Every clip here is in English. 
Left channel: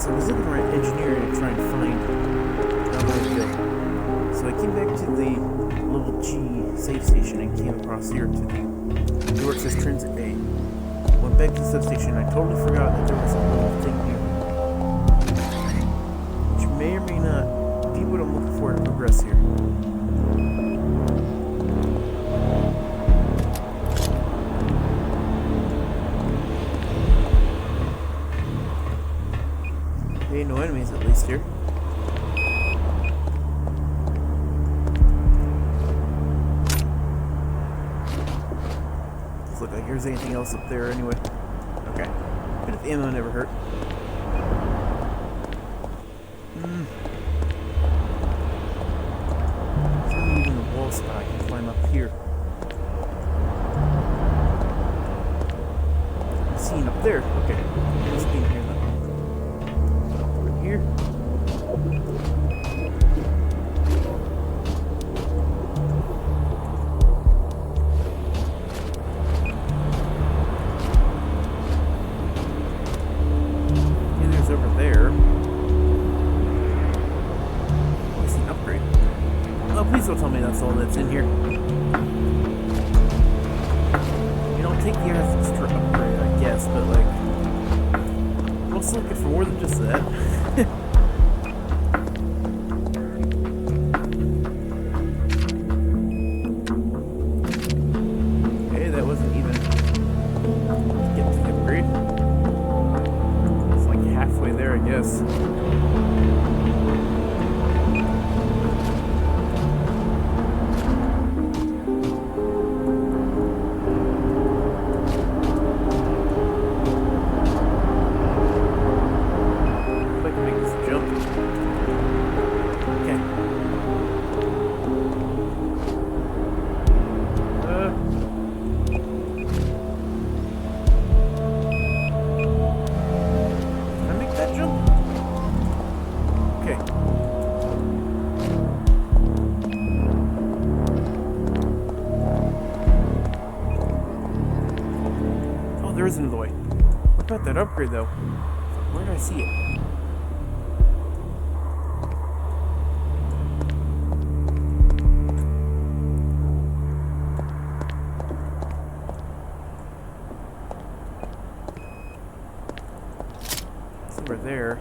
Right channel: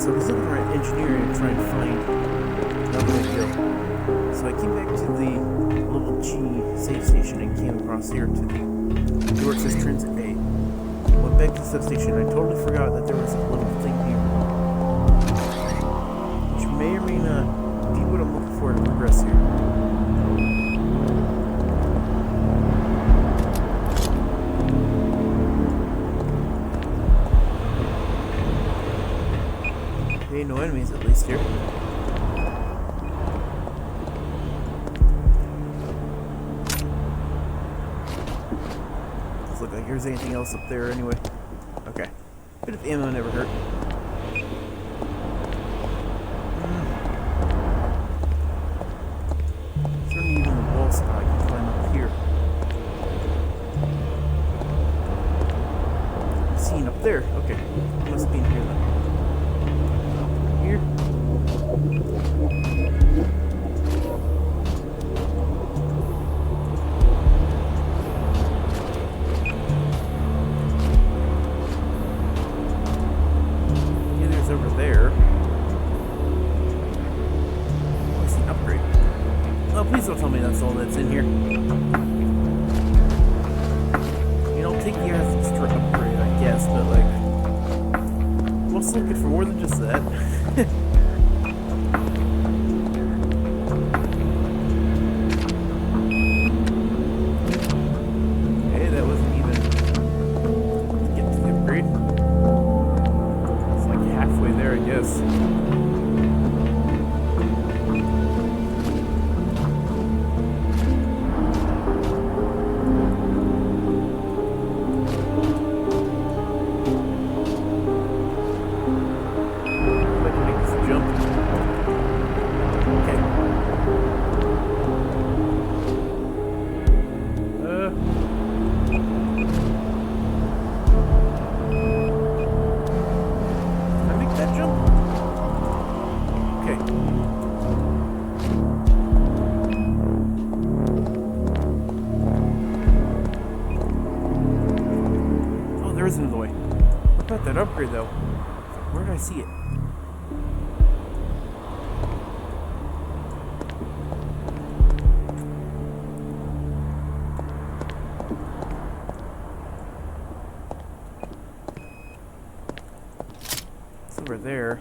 So I was looking around engineering and trying to find another way to go. So I came back to the level G save station and came across here to the door that says Transit A. Went back to the substation and I totally forgot that there was a little thing here, which may or may not be what I'm looking for to progress here. Okay, no enemies at least here. Doesn't look like there's anything else up there anyway. Okay. Bit of ammo never hurt. Is there even a wall spot I can climb up here? I'm seeing up there. Okay. Must be in here then. Here. Yeah, there's over there. Oh, I see an upgrade. Oh, please don't tell me that's all that's in here. You know, take the extra upgrade, I guess, but like, I'm also looking for more than just that. Hey, that wasn't even to get to the upgrade. It's like halfway there, I guess. There is another way. What about that upgrade, though? Where did I see it? It's over there.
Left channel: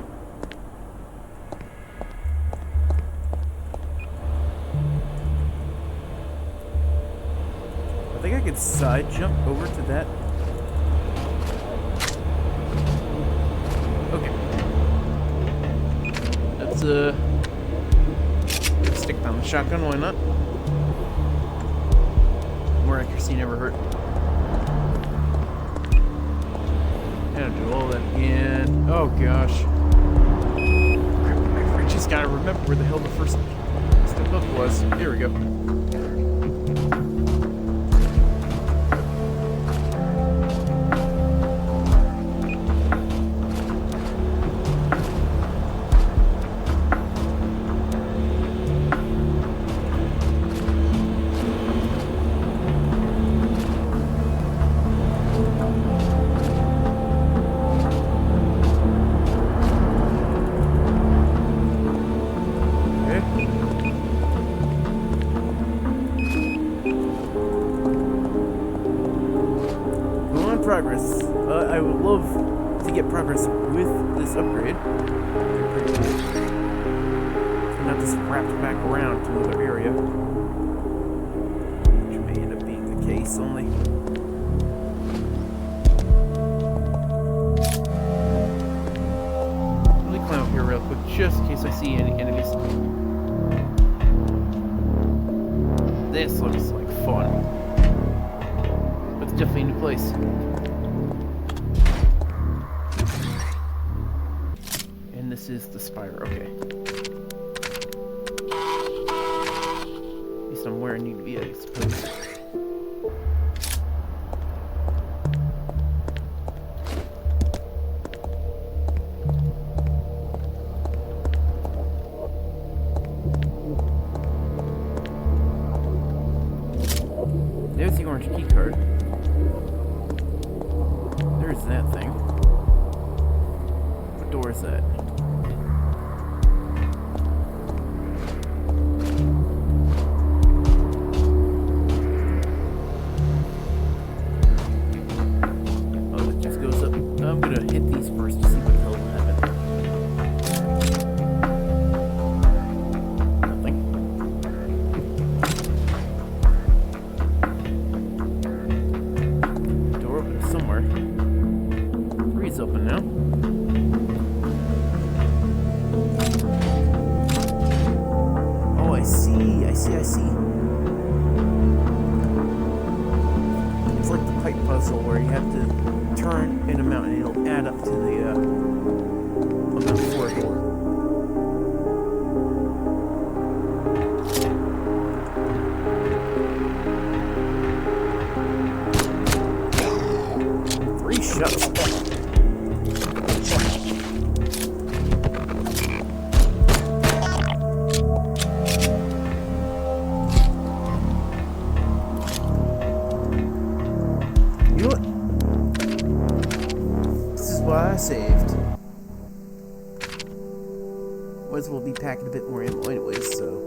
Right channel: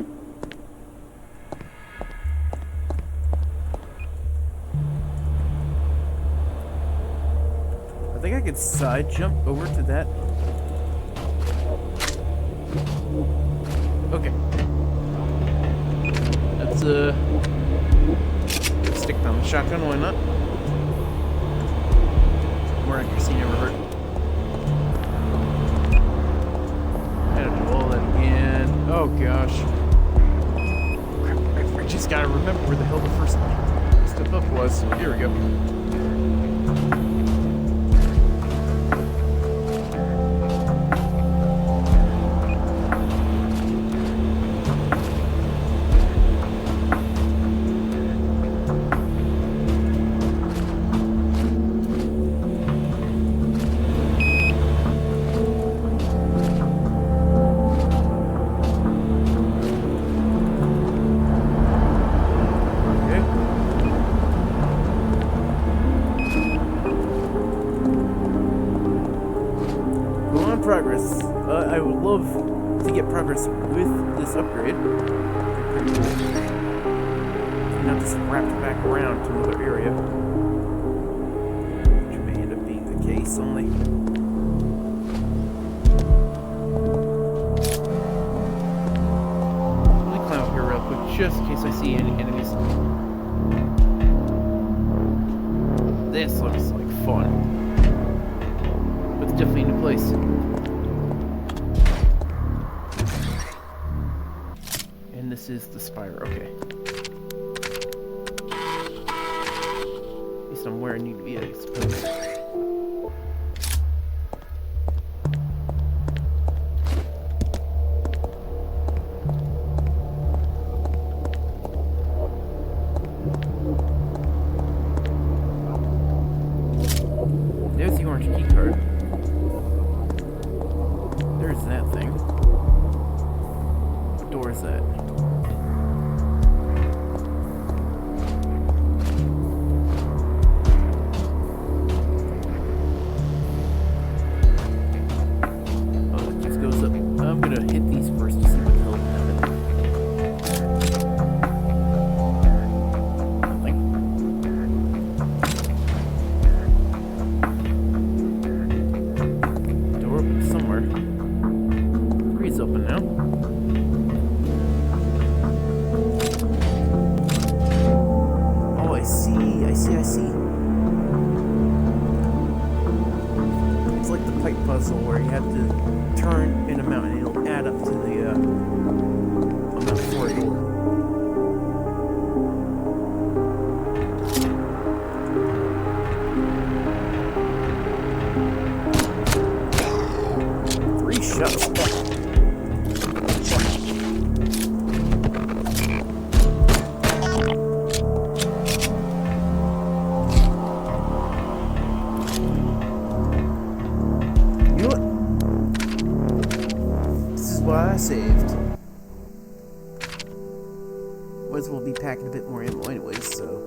I think I could side jump over to that. Okay. Let's stick down the shotgun, why not? More accuracy never hurt. Gotta do all that again. Oh gosh. Crap, I just gotta remember where the hell the first step up was. Here we go. Progress. I would love to get progress with this upgrade. Pretty cool. And not just wrapped back around to another area, which may end up being the case only. Let me climb up here real quick, just in case I see any enemies. This looks like fun. But it's definitely a new place. And this is the spire, okay. At least I'm where I need to be, I suppose. There's the orange key card. There's that thing. What door is that? Oh, it just goes up. I'm gonna hit these first to see what the hell will happen. Nothing. Door open somewhere. Three's open now. I see. It's like the pipe puzzle where you have to turn an amount and it'll add up to the amount for a door. Three shots. I saved. Might as well be packing a bit more ammo anyways, so.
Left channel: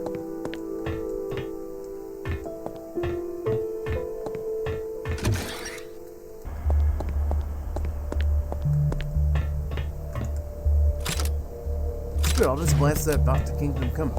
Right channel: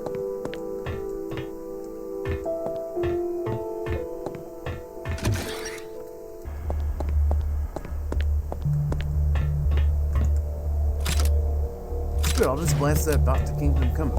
Good, I'll just blast that back to Kingdom Come.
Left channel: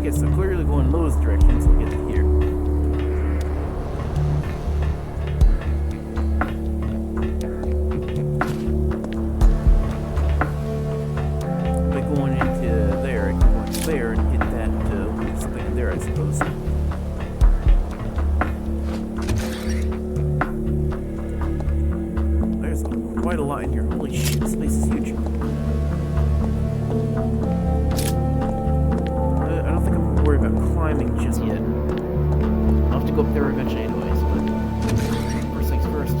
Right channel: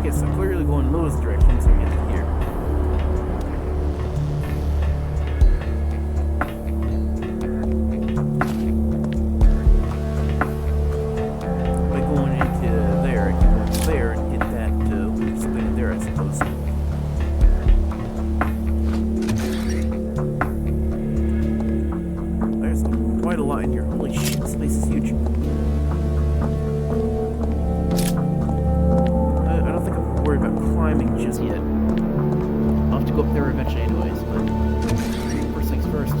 Okay, so clearly going those directions will get to here. By going into there, I can go into there and hit that something in there, I suppose. There's quite a lot in here. Holy shit, this place is huge. Worry about climbing just yet. I'll have to go up there eventually anyways, but first things first.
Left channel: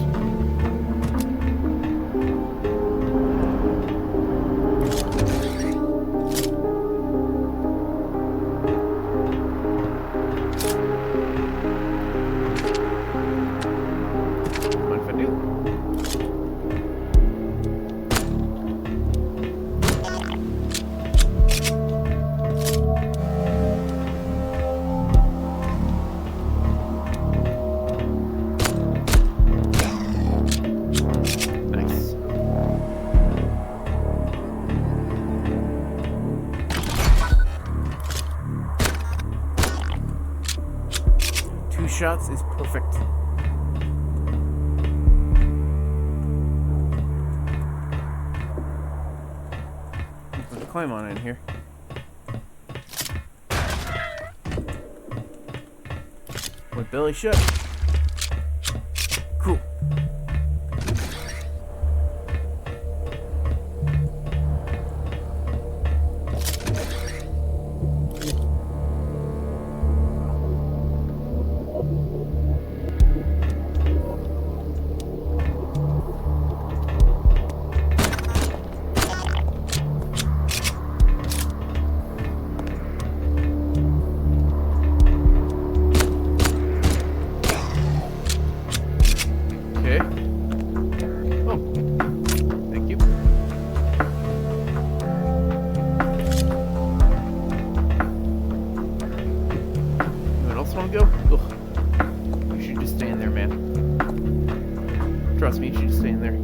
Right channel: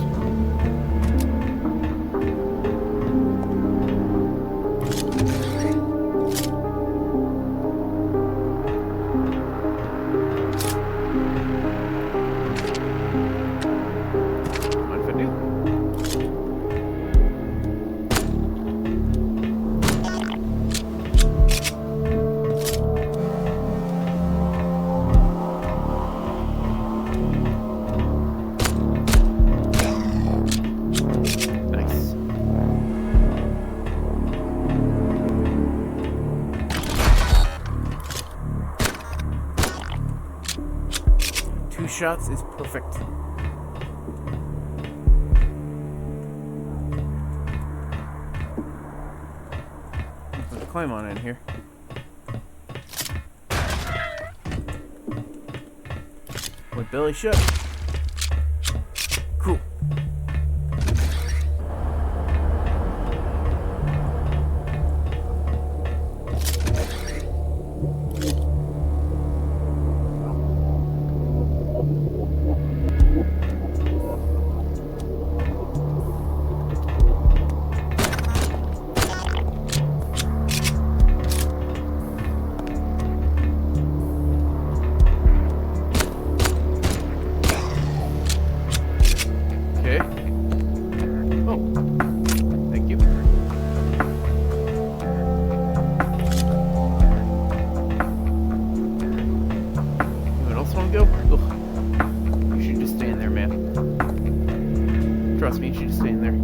Mind if I do? Shots is perfect. Let's climb on in here. With belly shut. Cool. Go? Ugh. You should just stay in there, man. Trust me, you should just stay in there.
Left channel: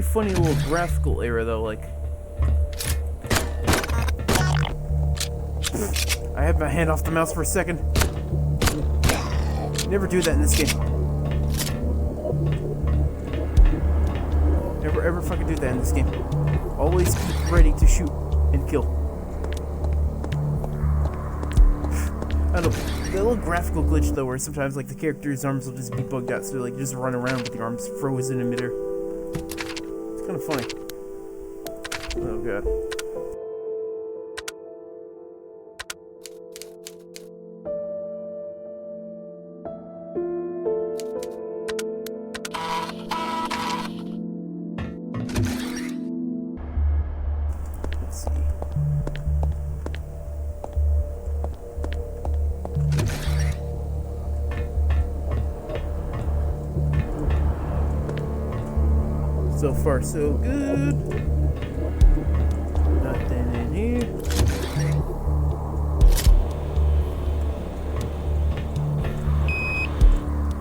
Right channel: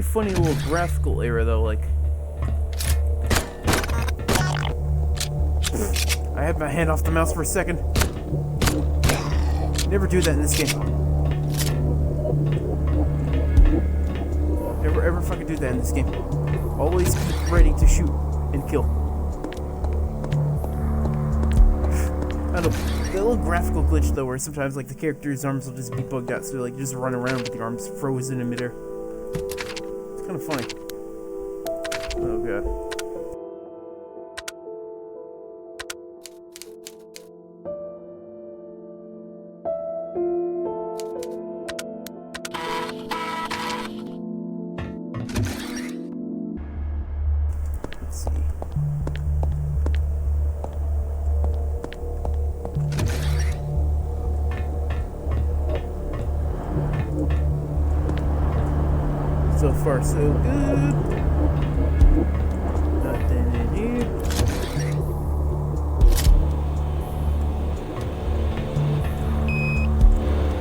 pretty funny little graphical error though, like... I had my hand off the mouse for a second. Never do that in this game. Never ever fucking do that in this game. Always keep ready to shoot and kill. I don't know. The little graphical glitch though, where sometimes like the character's arms will just be bugged out, so like you just run around with your arms frozen in midair. It's kind of funny. Oh god. Let's see. So far, so good. Nothing in here.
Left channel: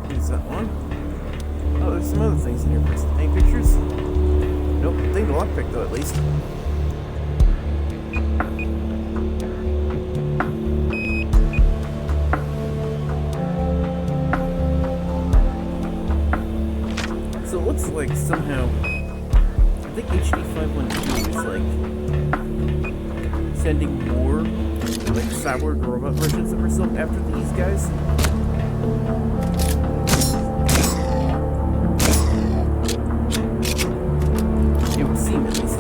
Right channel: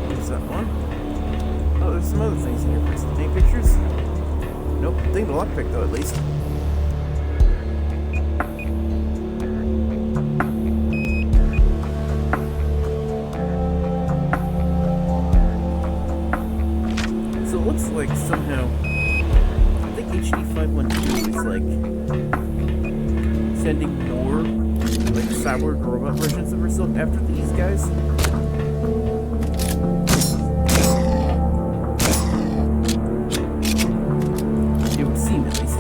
Use that one. Oh, there's some other things in here first. Any pictures? Nope. I think the lockpick though, at least. So it looks like somehow, I think HD 512 is like sending more like cyborg robot versions of herself after these guys. It would seem, at least.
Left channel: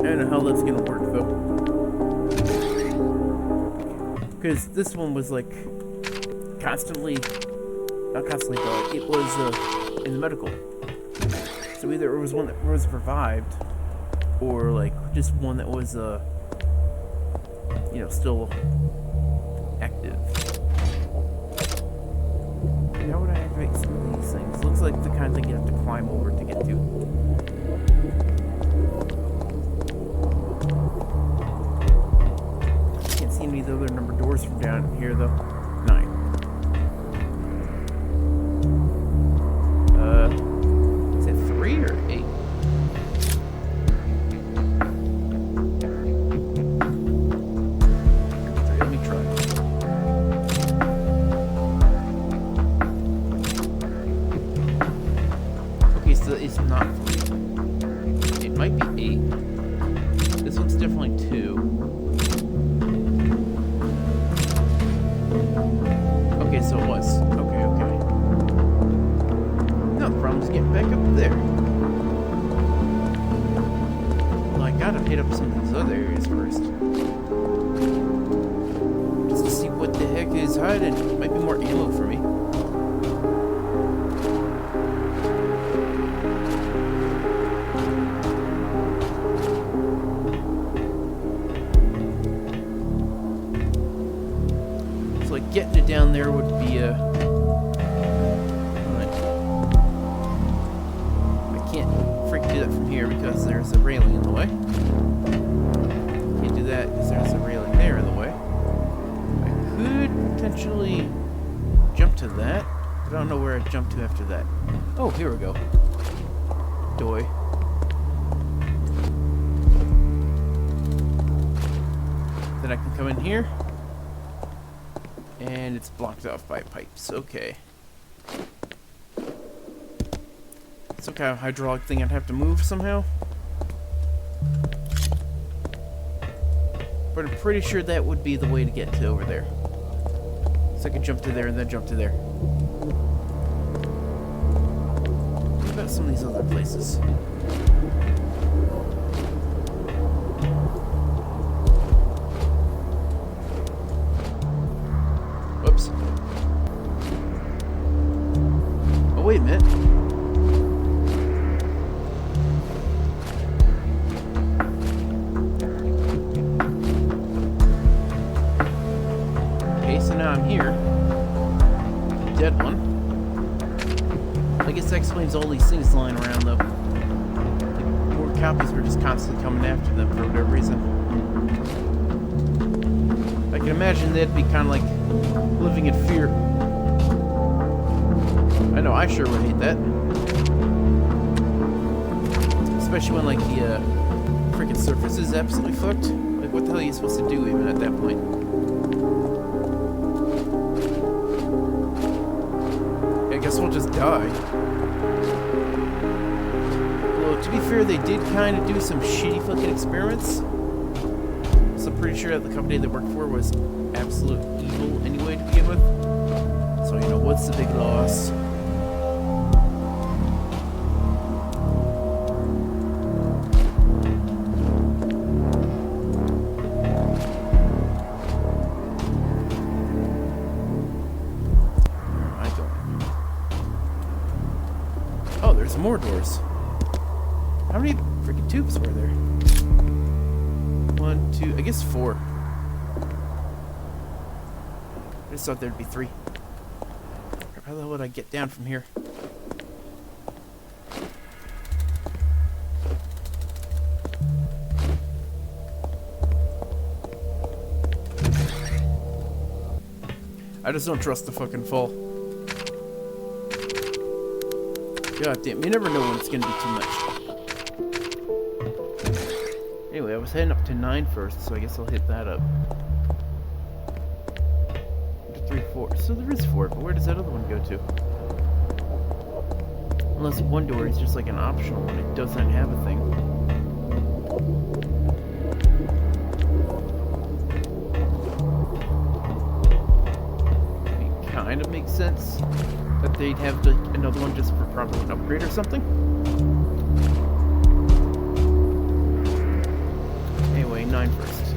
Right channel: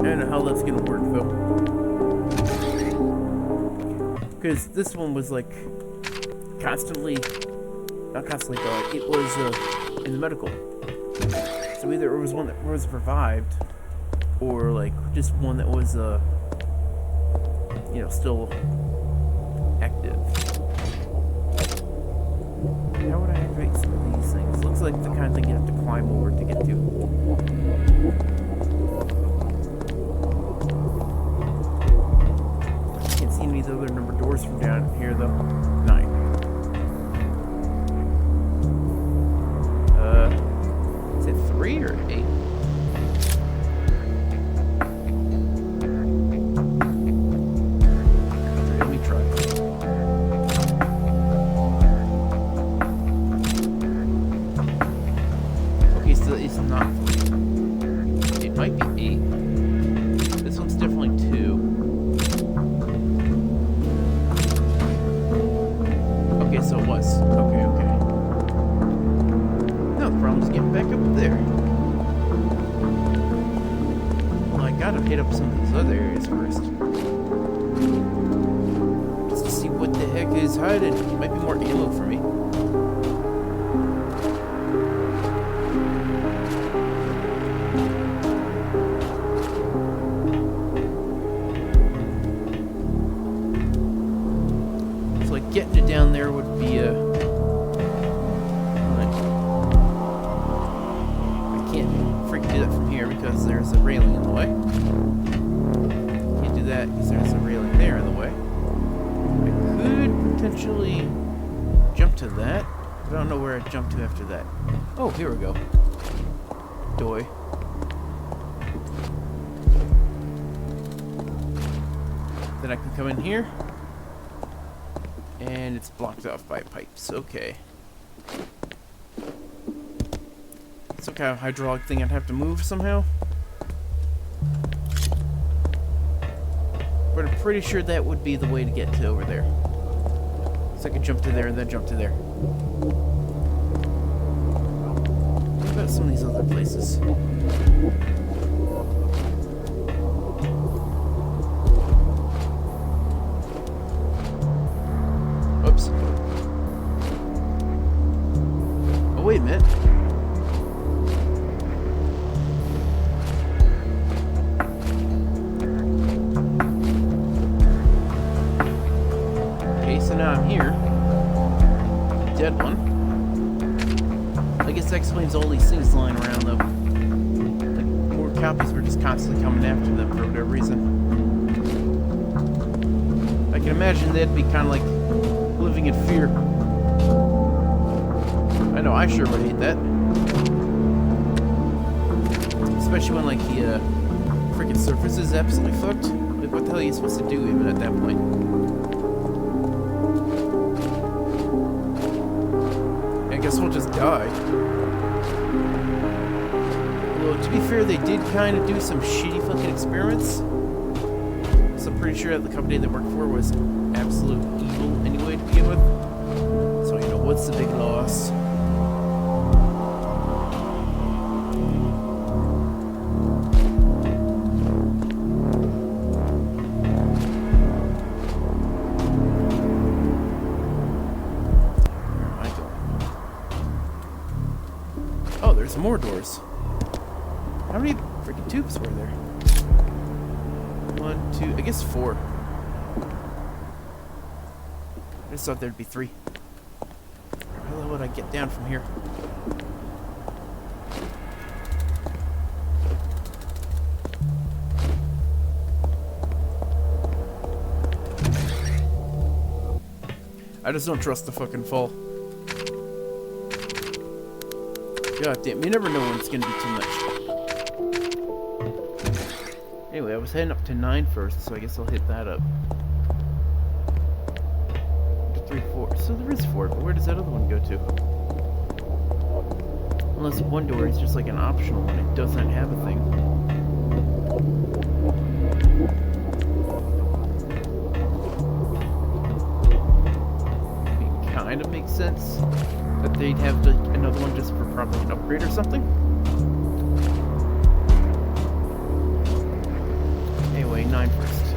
I don't know how that's gonna work though. Because this one was like constantly, not constantly, but it was in the medical. So either it was one that was revived, or like just one that was, you know, still active. How would I activate some of these things? Looks like the kind of thing you have to climb over to get to. Can't see any of the other number doors from down here though. 9. Is it 3 or 8? Let me try. Okay, so it's not 3. It might be 8. This one's definitely 2. Okay, so it was. Okay. No, the problem is getting back up there. Well, I gotta hit up some of these other areas first. Just to see what the heck is hiding. Might be more ammo for me. Like getting it down there would be I can't freaking do that from here because there's a railing in the way. Can't do that because there's a railing there in the way. I could potentially jump to that, but I don't know where I'd jump to after that. Oh, here we go. Doy. Then I can come in here. And it's blocked off by pipes. Okay. Some kind of hydraulic thing I'd have to move somehow. But I'm pretty sure that would be the way to get to over there. So I can jump to there and then jump to there. What about some of these other places? Whoops. Oh, wait a minute. Okay, so now I'm here. Dead one. I guess that explains all these things lying around, though. Like, more copies were just constantly coming after them for whatever reason. I can imagine they'd be kind of like living in fear. know I sure would hate that. Especially when, like, the freaking surface is absolutely fucked. Like, what the hell are you supposed to do even at that point? I guess we'll just die. Well, to be fair, they did kind of do some shitty fucking experiments. So I'm pretty sure that the company they worked for was absolute evil anyway to begin with. So, you know, what's the big loss? There's more doors. How many freaking tubes were there? 1, 2, I guess 4. I just thought there'd be 3. How the hell would I get down from here? I just don't trust the fucking fall. God damn, you never know when it's gonna be too much. Anyway, I was heading up to 9 first, so I guess I'll hit that up. 3, 4. So there is 4, but where does that other one go to? Unless one door is just like an optional one, it doesn't have a thing. It kind of makes sense that they'd have like another one just for probably an upgrade or something. Anyway, 9 first.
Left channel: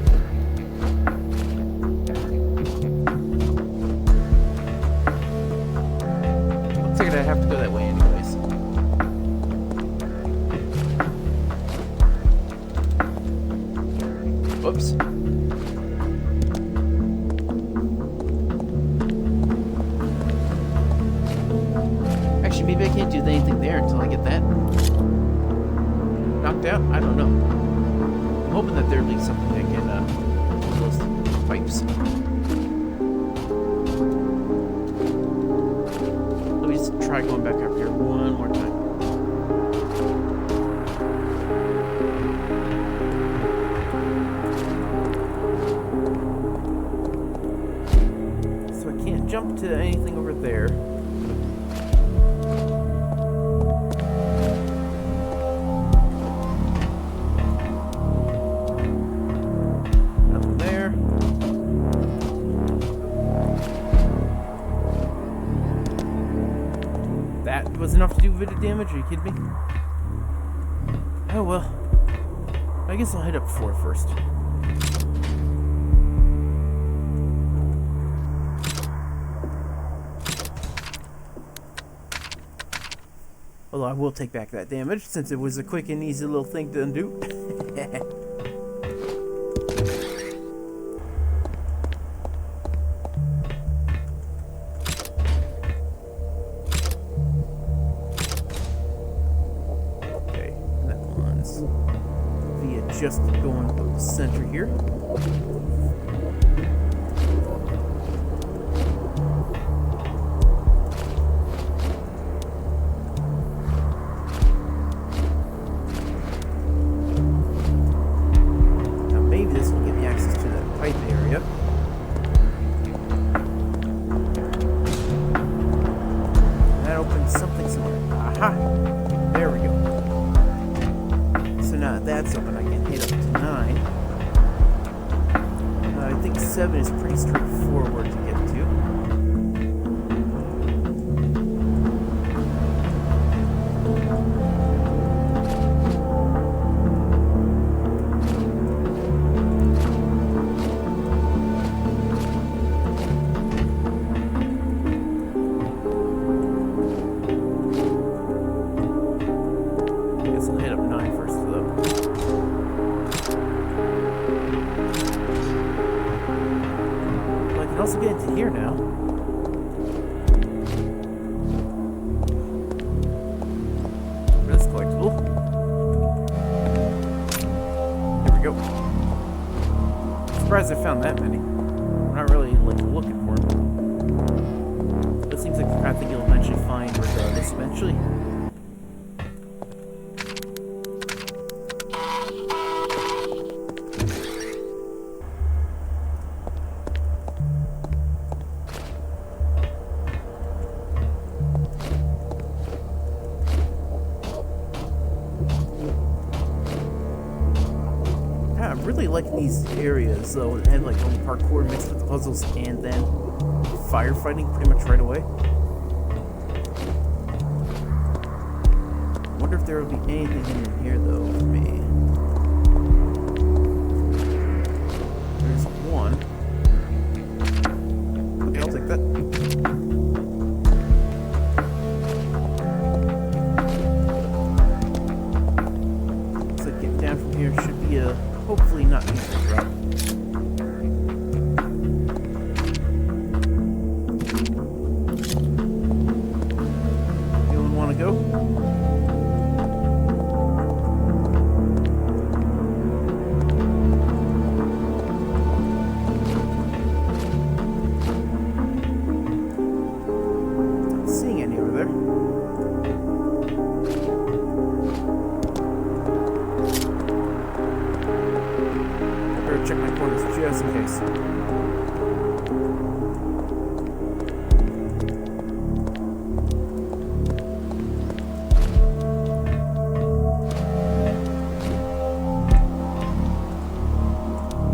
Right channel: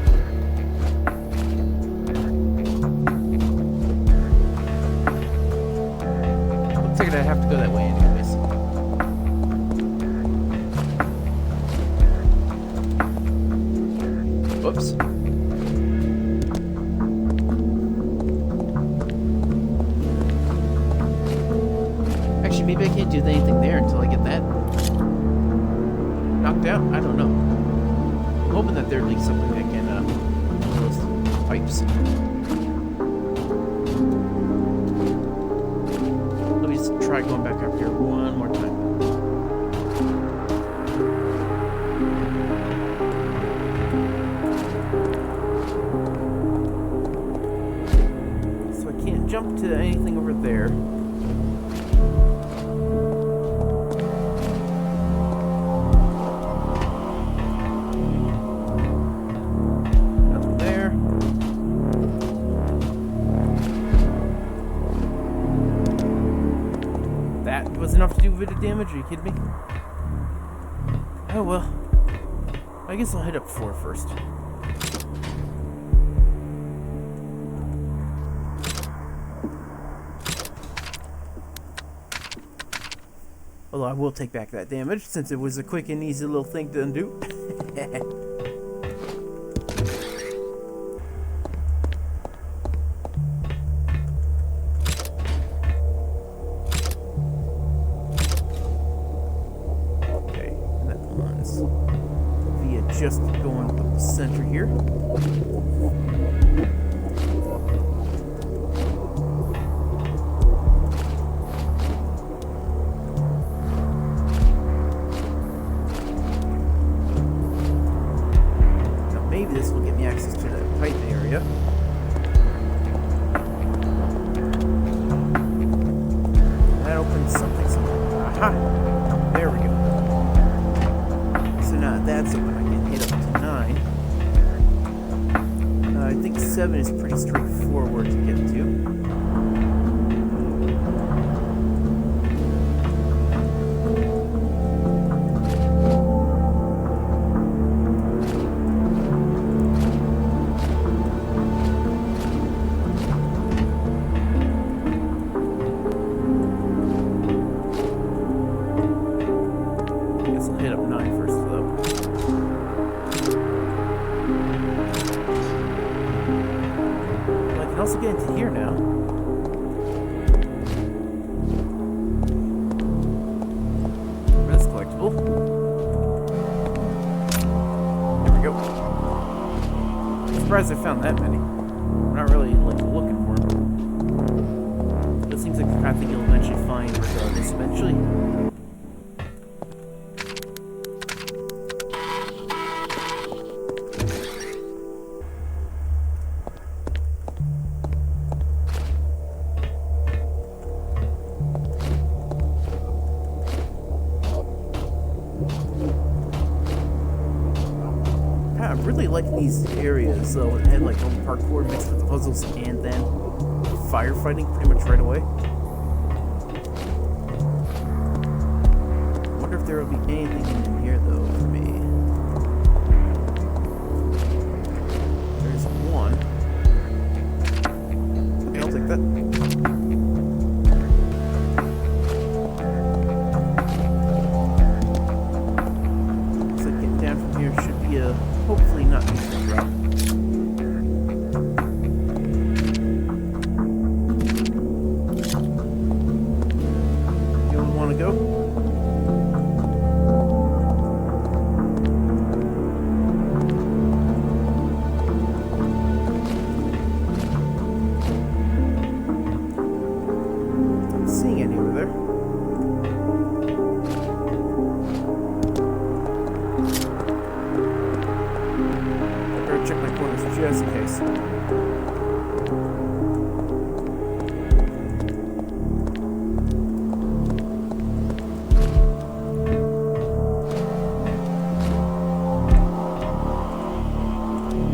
Looks like I have to go that way anyways. Whoops. Actually, maybe I can't do anything there until I get that knocked out. I don't know. I'm hoping that there'd be something that can open those pipes. Let me just try going back up here one more time. So I can't jump to anything over there. That was enough to do a bit of damage, are you kidding me? Oh well. I guess I'll hit up 4 first. Although I will take back that damage since it was a quick and easy little thing to undo. Just going up the center here. Now maybe this will give me access to that pipe area. That opens something somewhere. Aha! There we go. So now that's open, I can hit up to 9. I think 7 is pretty straightforward to get to. I guess I'll hit up 9 first. I can also get into here now. For this collectible. There we go. I'm surprised I found that many. I'm not really like looking for them. Those things the kind of thing you'll eventually find regardless, eventually. I really like these areas, though, that had like little parkour mixed with the puzzles and then firefighting pretty much right away. I wonder if there will be anything in here, though, for me. There's one. Okay, I'll take that. Looks like getting down from here should be a hopefully not easy to drop. Anyone want to go? Not seeing any over there. Check my corners just in case.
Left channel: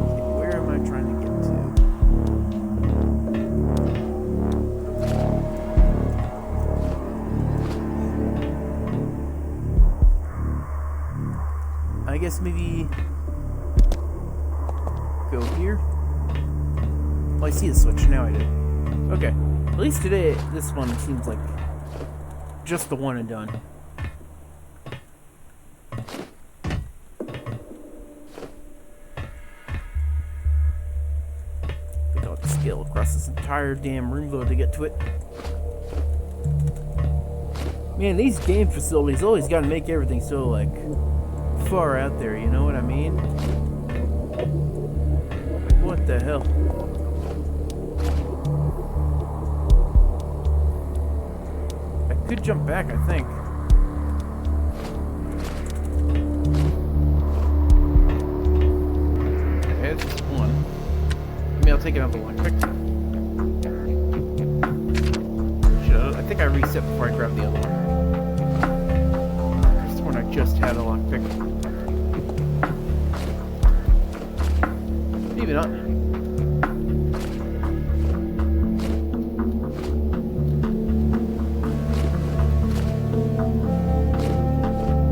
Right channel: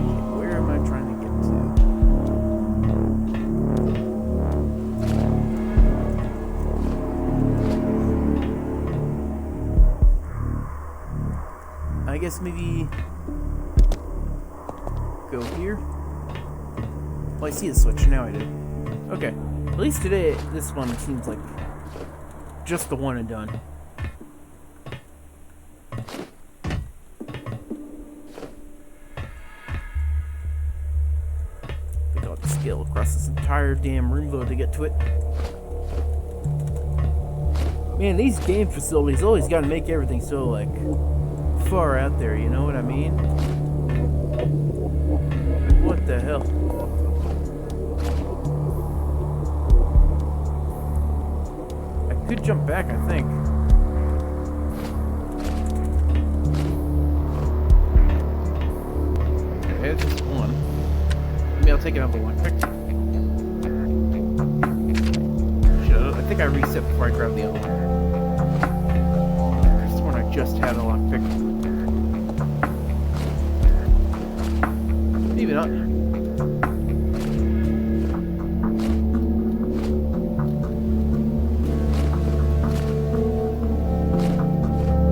Okay, where am I trying to get to? I guess maybe go here. Oh, I see the switch. Now I do. Okay. At least today, this one seems like just the one and done. I think I'll have to scale across this entire damn room though to get to it. Man, these game facilities always gotta make everything so, like, far out there, you know what I mean? What the hell? I could jump back, I think. Okay, it's just one. Maybe I'll take another one. Quick. I think I reset before I grabbed the other one. There's one I just had a lockpick. Maybe not.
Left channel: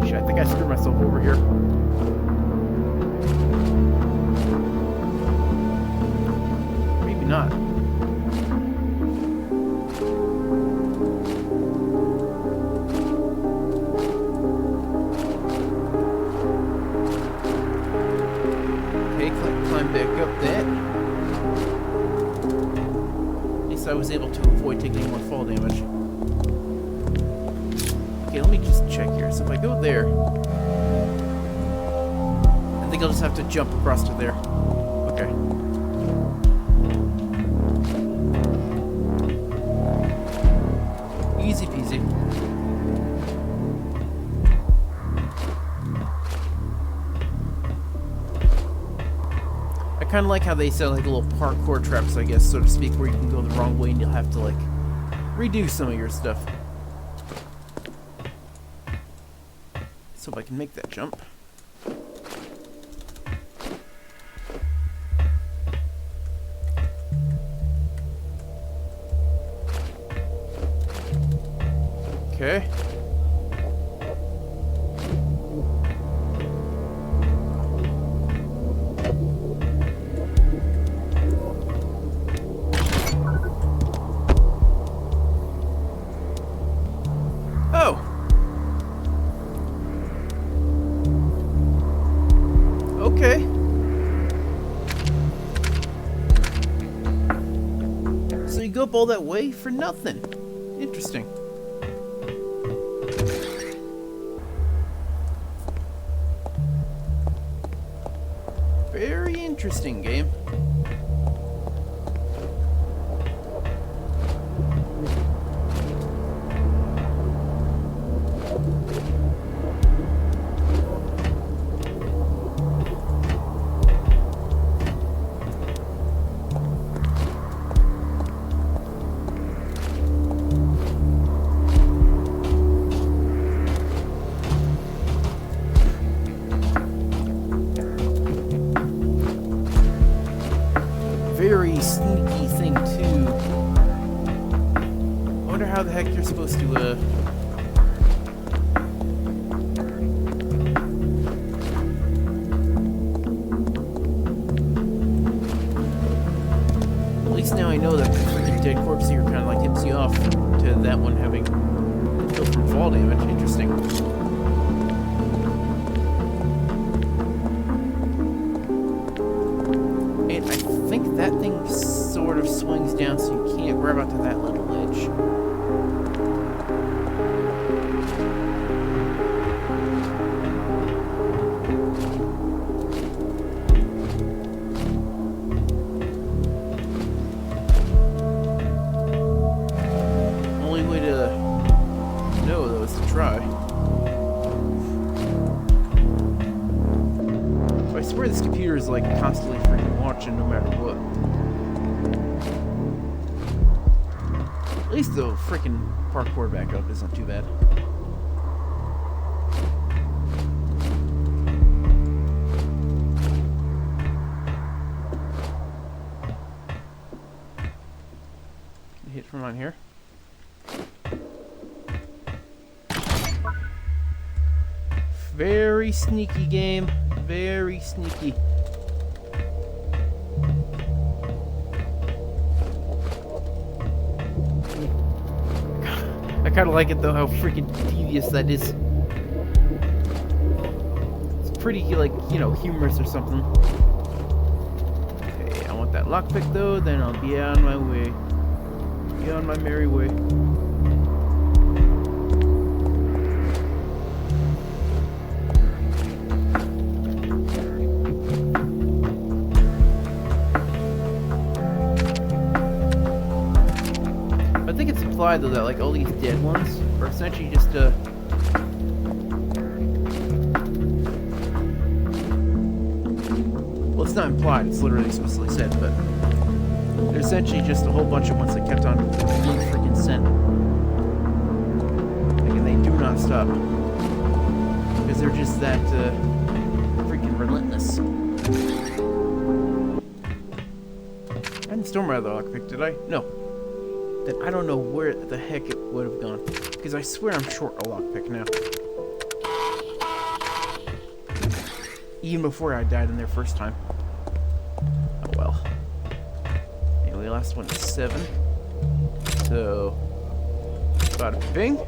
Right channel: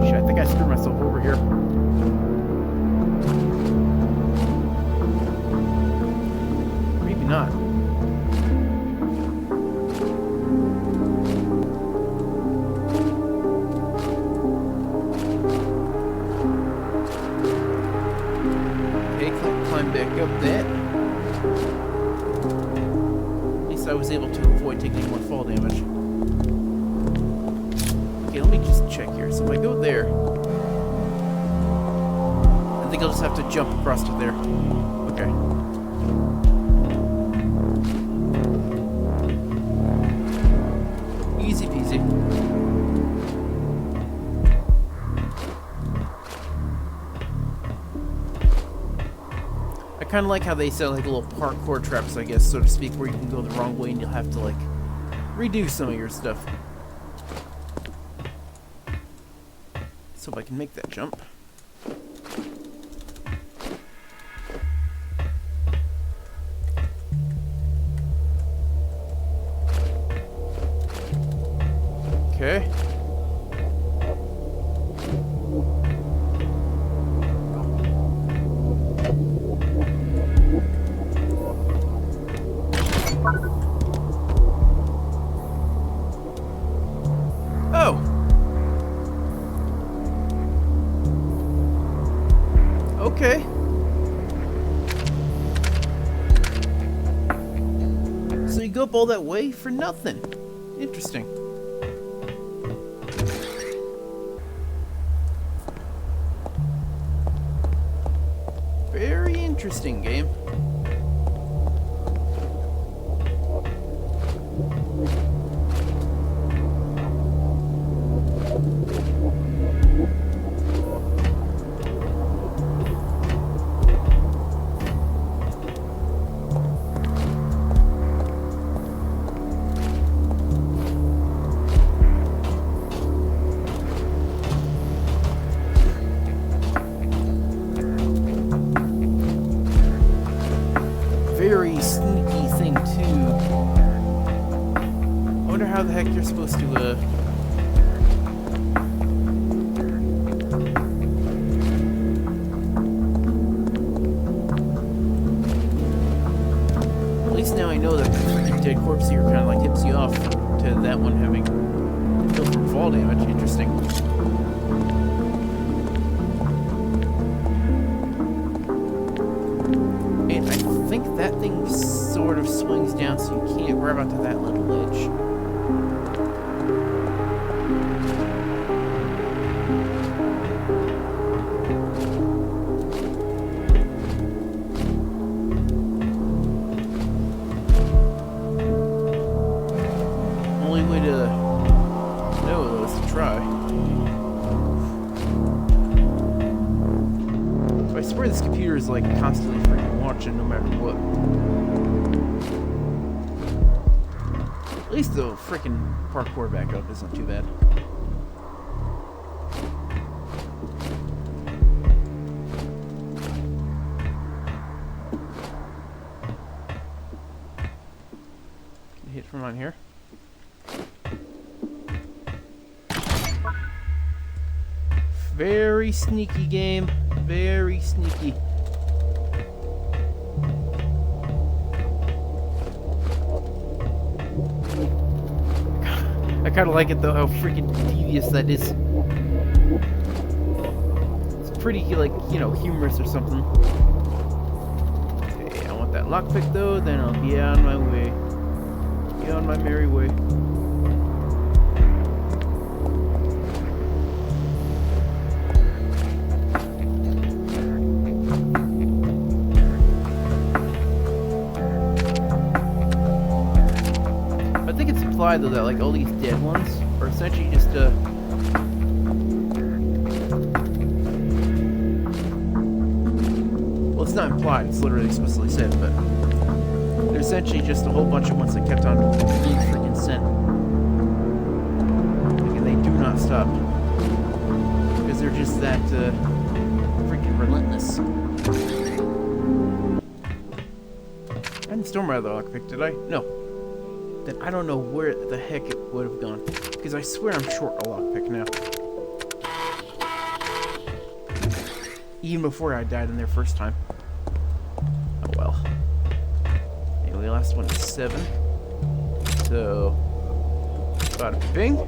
Shit, I think I screwed myself over here. Maybe not. Climb back up that. At least I was able to avoid taking any more fall damage. Okay, let me just check here. So if I go there, I think I'll just have to jump across to there. Okay. Easy peasy. I kind of like how they set like little parkour traps, I guess, so to speak, where you can go the wrong way and you'll have to like redo some of your stuff. So if I can make that jump. Okay. Oh. Okay. So you go up all that way for nothing. Interesting. Very interesting game. the heck you're supposed to, At least now I know that the freaking dead corpse here kind of like tips you off to that one having been killed from fall damage. Interesting. And I think that thing sort of swings down so you can't grab onto that little ledge. Only way to know, though, is to try. So I swear this computer is like constantly freaking watching no matter what. At least the freaking parkour backup isn't too bad. Can you hit from on here? Very sneaky game. Very sneaky. I kind of like it though, how freaking devious that is. It's pretty, like, you know, humorous or something. Okay, I want that lockpick though, then I'll be on my way. Be on my merry way. I think it's implied though that like all these dead ones are essentially just well, it's not implied, it's literally explicitly said, but they're essentially just a whole bunch of ones that kept on being freaking sent. Like, and they do not stop. Because they're just that freaking relentless. I didn't storm out of the lockpick, did I? No. Then I don't know where the heck it would have gone. Because I swear I'm short a lockpick now. Even before I died in there first time. Oh well. Anyway, last one is 7. So, bada bing.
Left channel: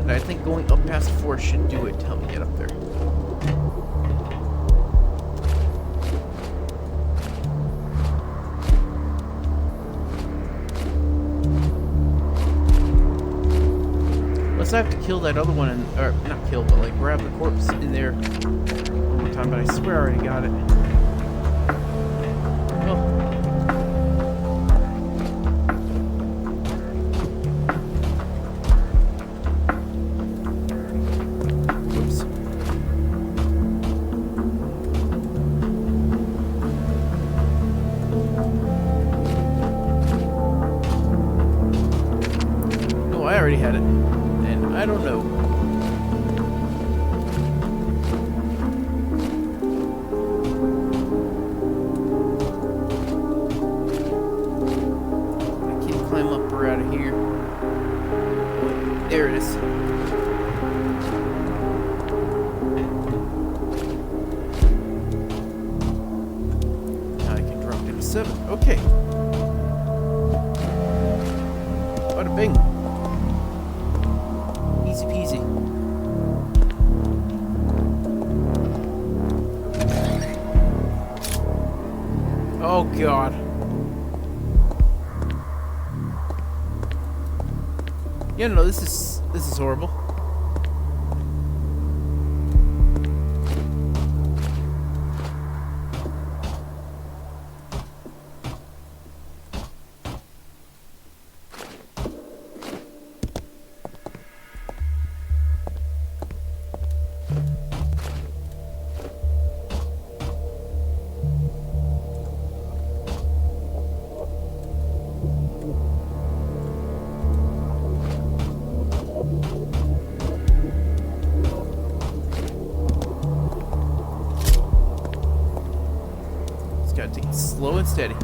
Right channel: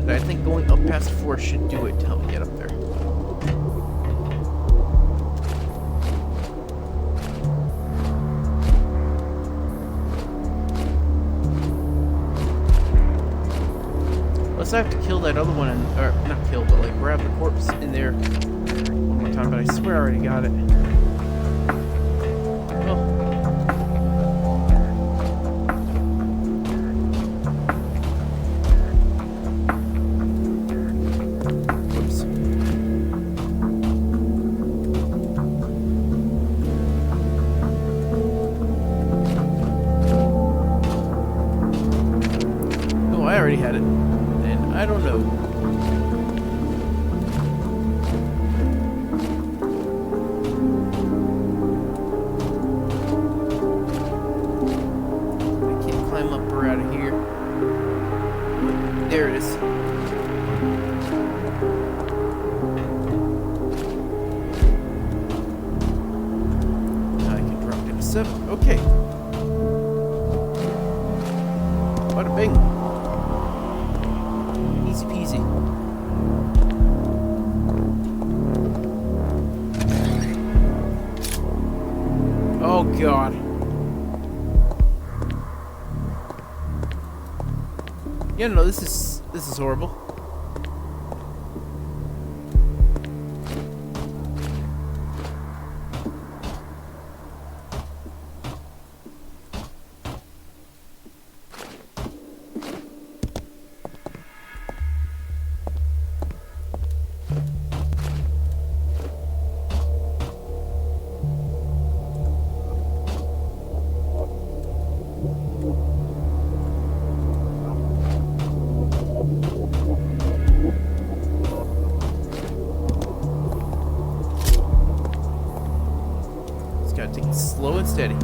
And I think going up past 4 should do it to help me get up there. Unless I have to kill that other one, or not kill, but like grab the corpse in there one more time, but I swear I already got it. Well. Whoops. No, I already had it. I don't know. I can't climb up or out of here. Wait, there it is. Now I can drop down to 7. Okay. Bada bing. Easy peasy. Oh god. Yeah, no, this is horrible. Gotta take it slow and steady.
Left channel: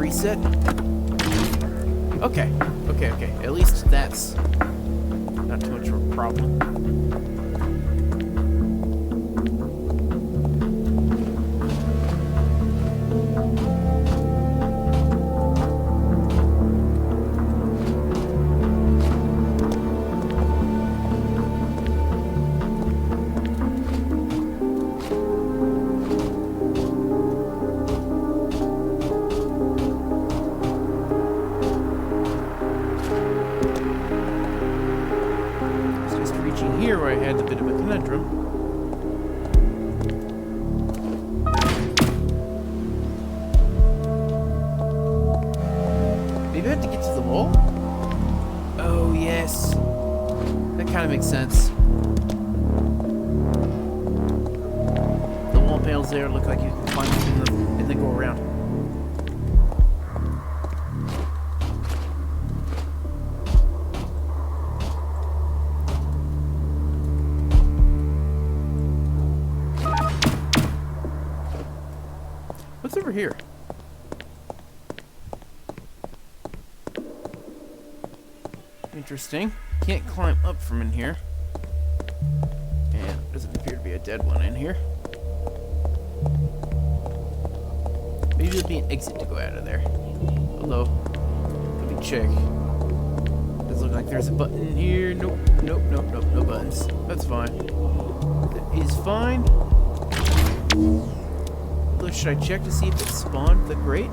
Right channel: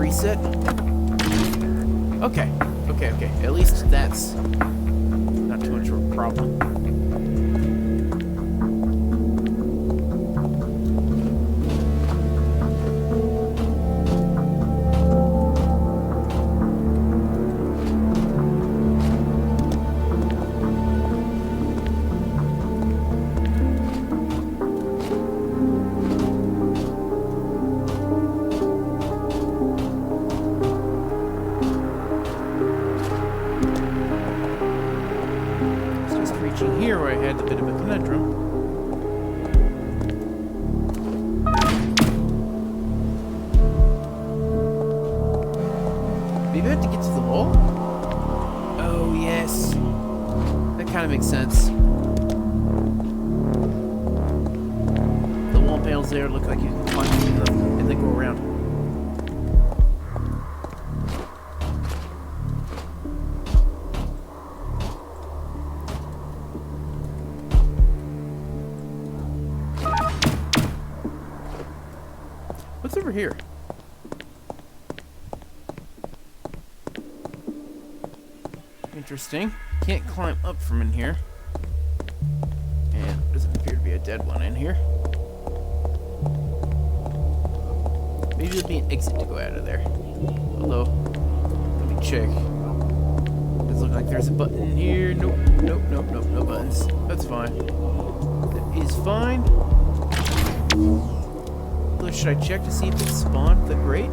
reset. Okay. Okay. At least that's not too much of a problem. Here where I had a bit of a conundrum. Maybe I have to get to the wall? Oh, yes. That kind of makes sense. The wall panels there look like you can climb them and then go around. What's over here? Interesting. Can't climb up from in here. And doesn't appear to be a dead one in here. Maybe there'll be an exit to go out of there. Although, let me check. Doesn't look like there's a button in here. Nope, no buttons. That's fine. That is fine. Should I check to see if it spawned the grate?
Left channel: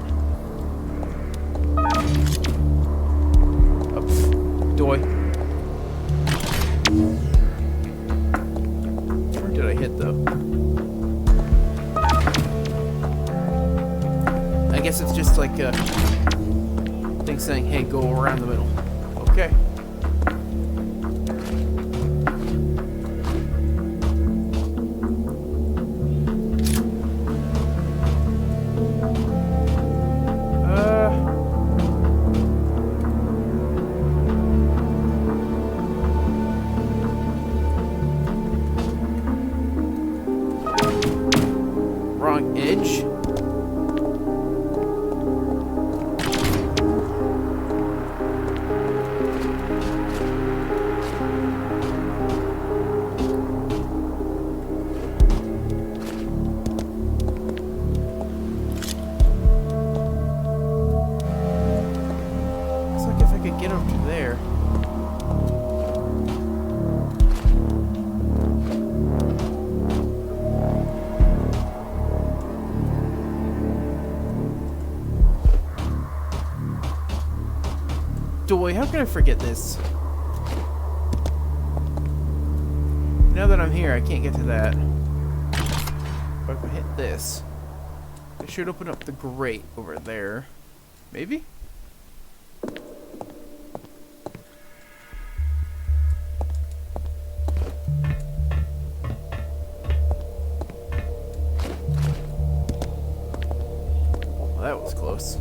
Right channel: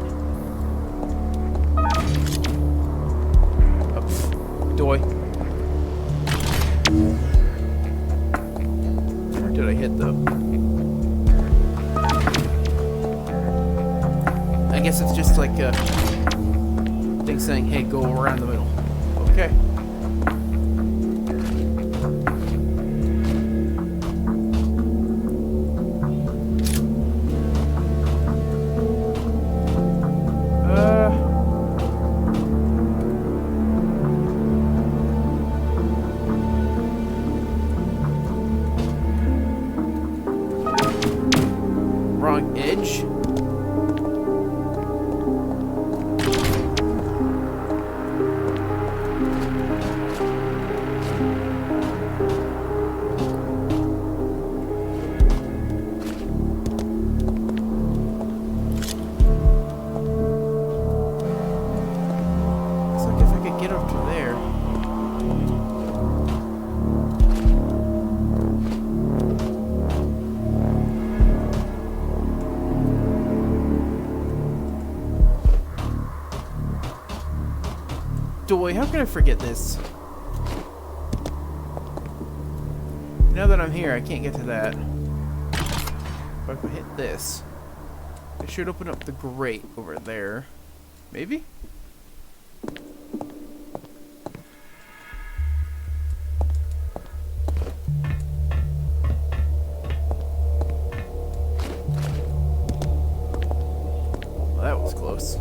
Oh, doy. Which one did I hit, though? I guess it's just like a thing saying, hey, go around the middle. Okay. Wrong edge. Looks like if I could get up to there. Doy, how can I forget this? Now that I'm here, I can't get to that. But if I hit this, it should open up the grate over there. Maybe? Well, that was close.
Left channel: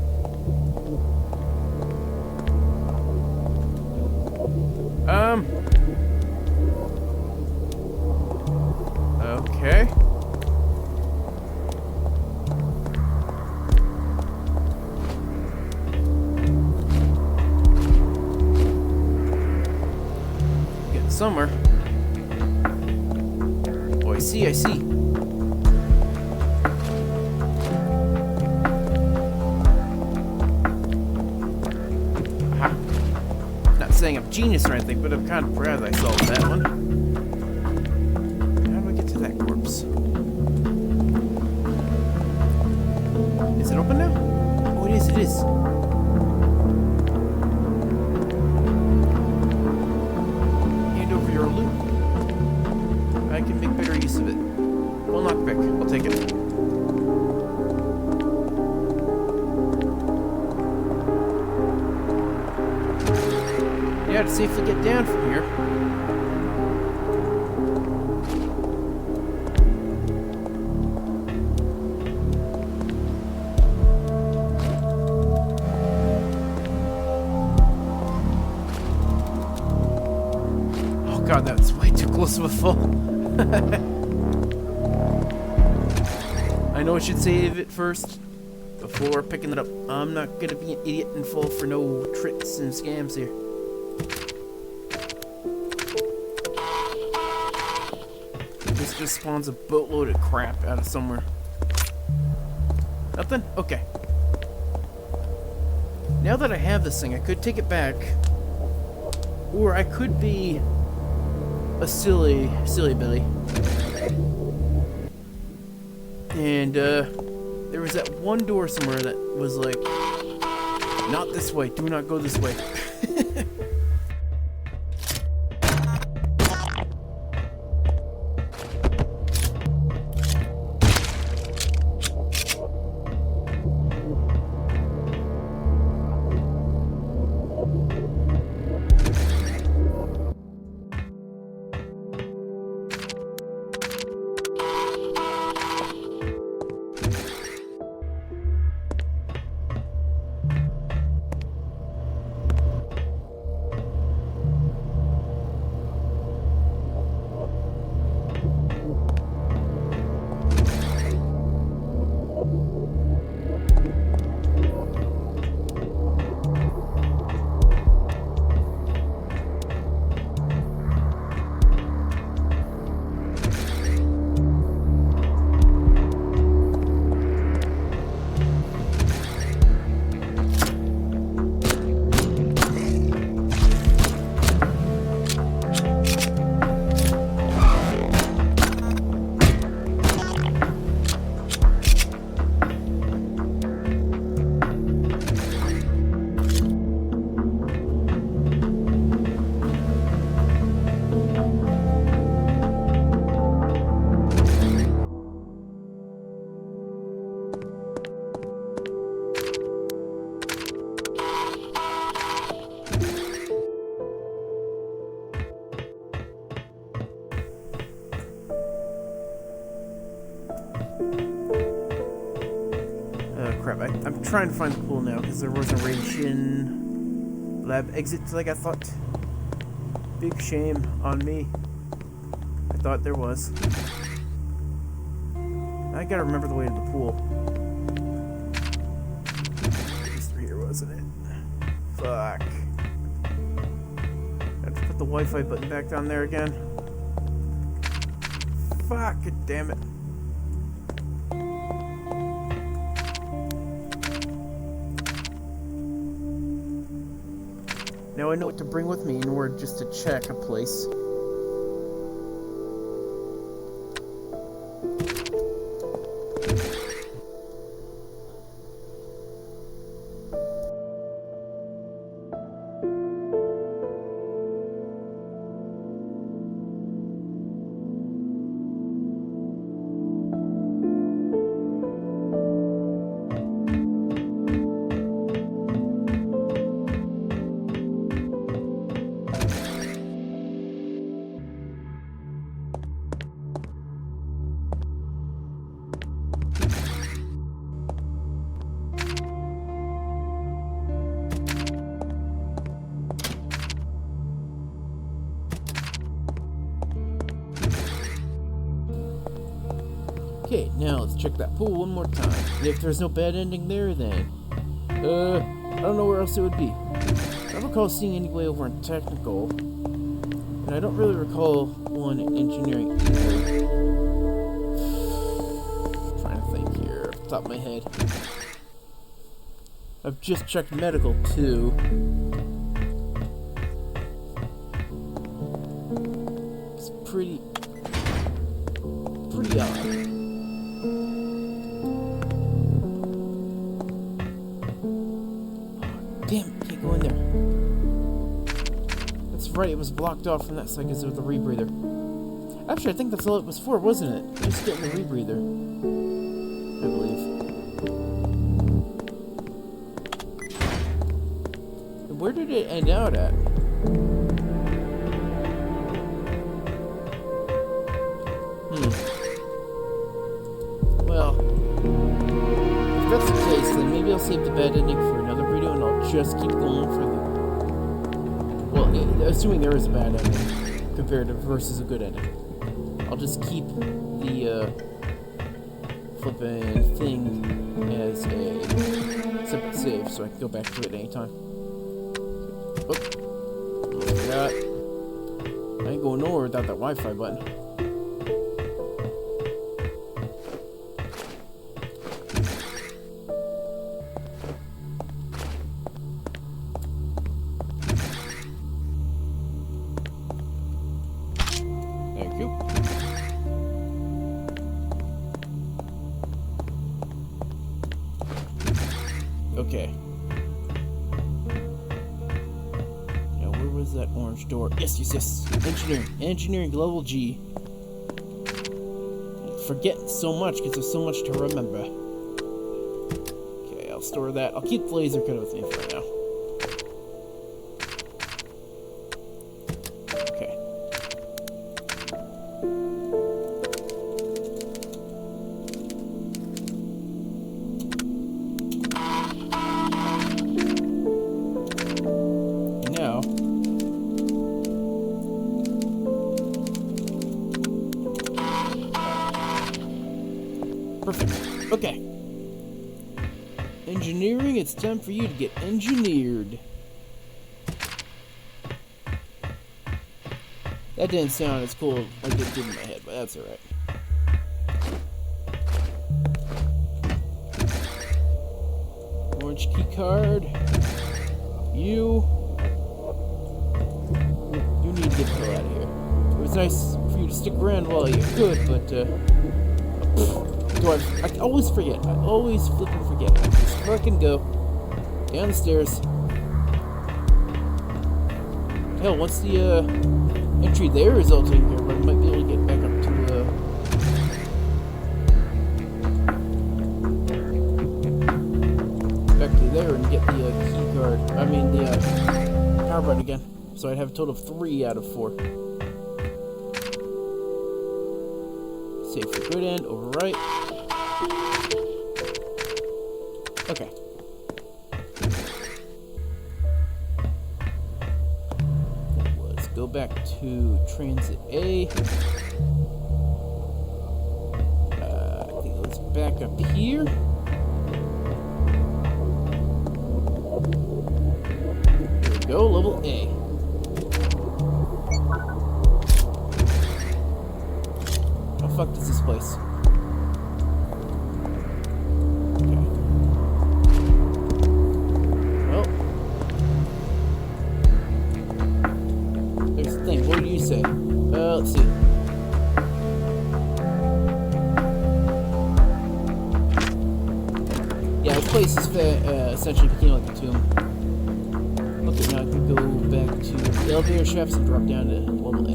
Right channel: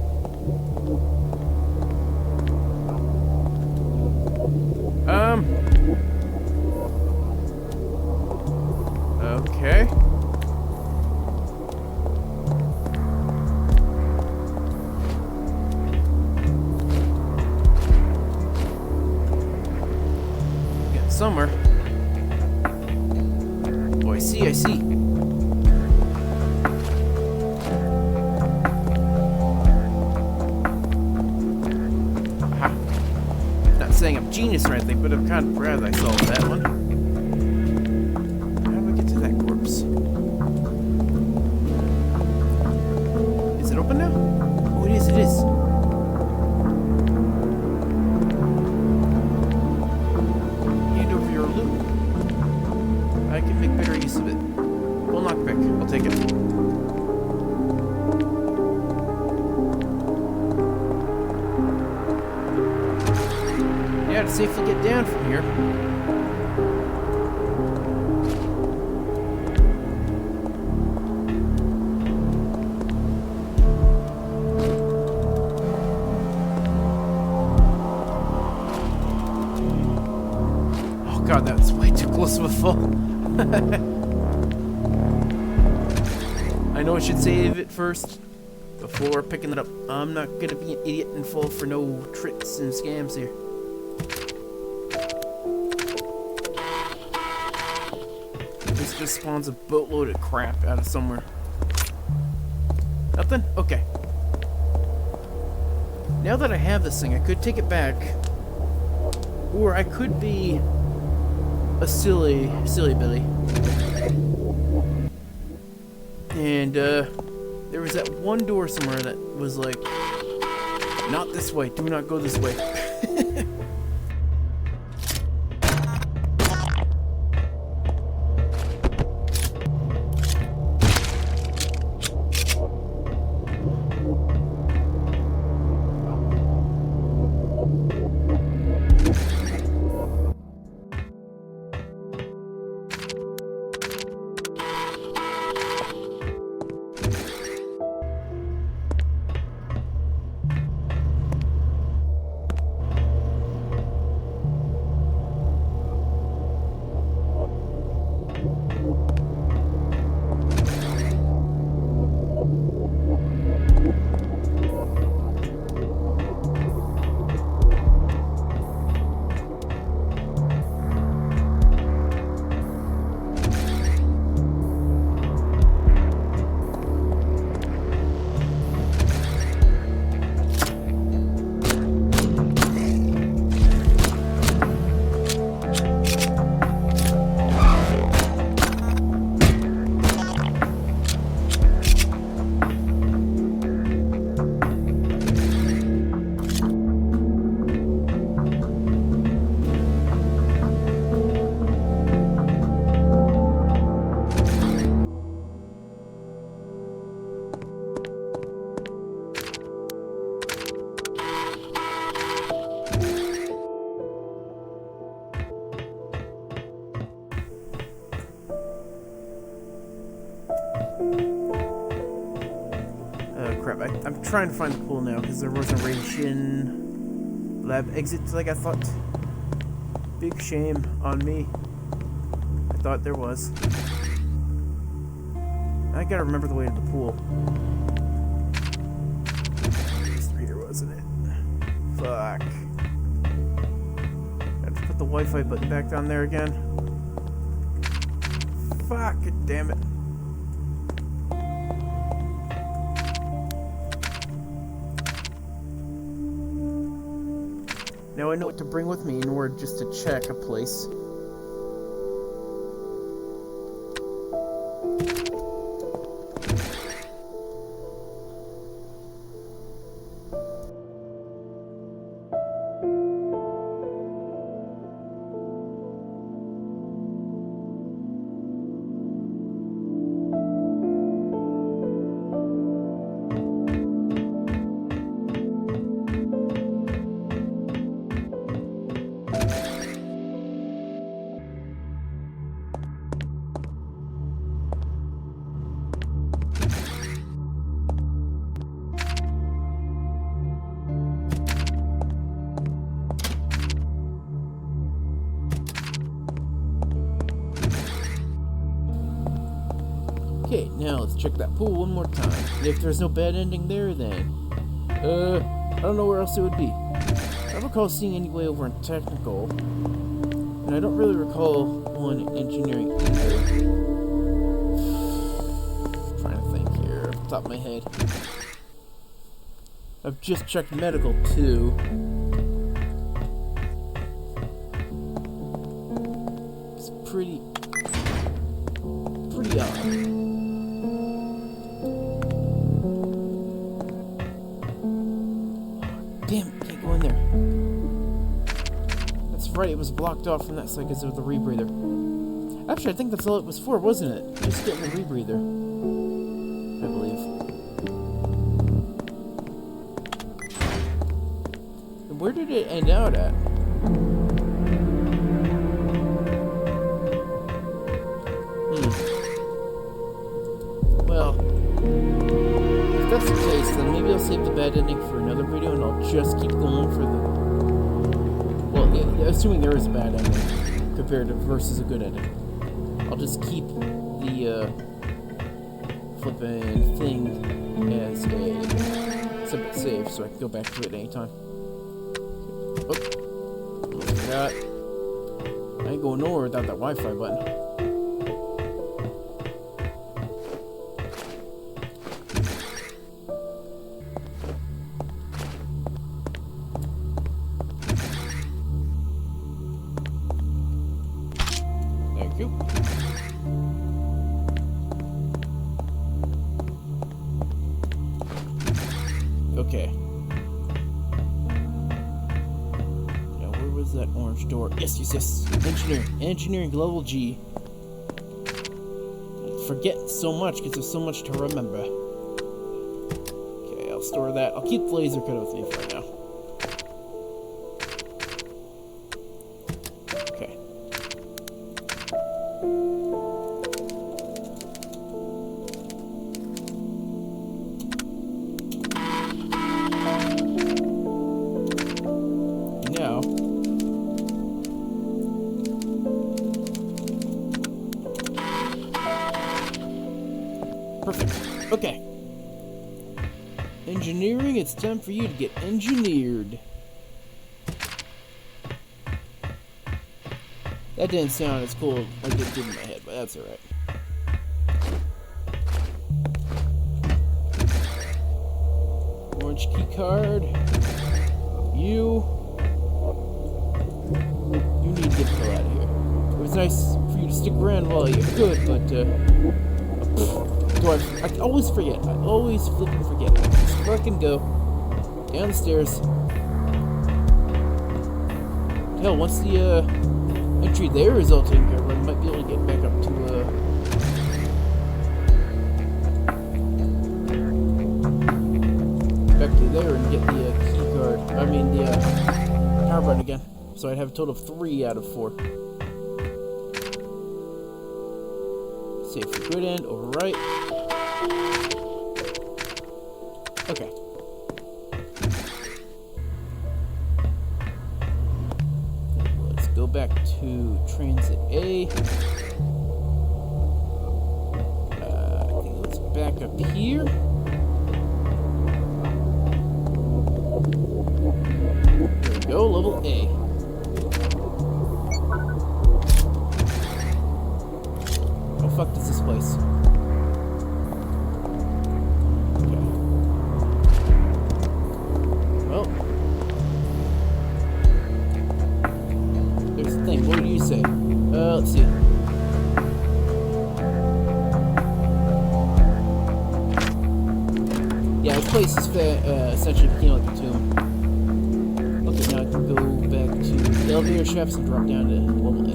Okay. Getting somewhere. Oh, I see. Aha. Not saying I'm genius or anything, but I'm kind of proud that I solved that one. That corpse. Is it open now? Oh, it is. Hand over your loot. I can make better use of it. Well, knockback. I'll take it. Yeah, to safely get down from here. God, that's way too close of a fall. I know I should save it first. before picking it up. I'm not gonna be an idiot and fall for no tricks and scams here. This just spawns a boatload of crap out of somewhere. Nothing? Okay. Now that I have this thing, I could take it back. Or I could be a silly Billy. And, there was that one door somewhere that was like, not this way, do not go this way. Crap, I'm trying to find the pool now because there was a radiation lab exit like I thought. Big shame on me. I thought there was. I gotta remember the way to the pool. It was through here, wasn't it? Fuck. I have to put the Wi-Fi button back down there again. Fuck, damn it. Now I know what to bring with me in order just to check a place. Okay, now let's check that pool one more time. And if there's no bad ending there, then... I don't know where else it would be. I don't recall seeing any way over in technical. And I don't really recall one in engineering either. Trying to think here, off the top of my head. I've just checked medical, too. It's pretty odd. Damn, can't go in there. That's right, it was blocked off from that side because of the rebreather. Actually, I think that's all it was for, wasn't it? Just getting the rebreather. I believe. And where did it end out at? Well, if that's the case, then maybe I'll save the bad ending for another video and I'll just keep going for the... Well, assuming there is a bad ending compared to versus a good ending. I'll just keep the flippin' thing as a separate save so I can go back to it anytime. Oh, almost forgot. I ain't going nowhere without that Wi-Fi button. Thank you. Okay. Now, where was that orange door? Yes, yes, yes. Engineering. Engineering level G. Forget so much because there's so much to remember. Okay, I'll store that. I'll keep the laser cut with me for now. Okay. Now, perfect. Okay. Engineering, it's time for you to get engineered. That didn't sound as cool like it did in my head, but that's alright. Orange key card. You need to get the hell out of here. It was nice for you to stick around while you could, but I always forget. I always flipping forget. I just fucking go down the stairs. Hell, once the entry there is all taken care of, I might be able to get back up to there and get the key card. I mean the power button again. So I'd have a total of 3 out of 4. Save for good end, overwrite. Okay. Let's go back to Transit A. I think let's back up here. Here we go, level A. How the fuck is this place? Okay. Well, there's the thing. What do you say? Let's see. Yeah, this place is essentially became like a tomb. Okay, now I can go back to the elevator shafts and drop down to level A.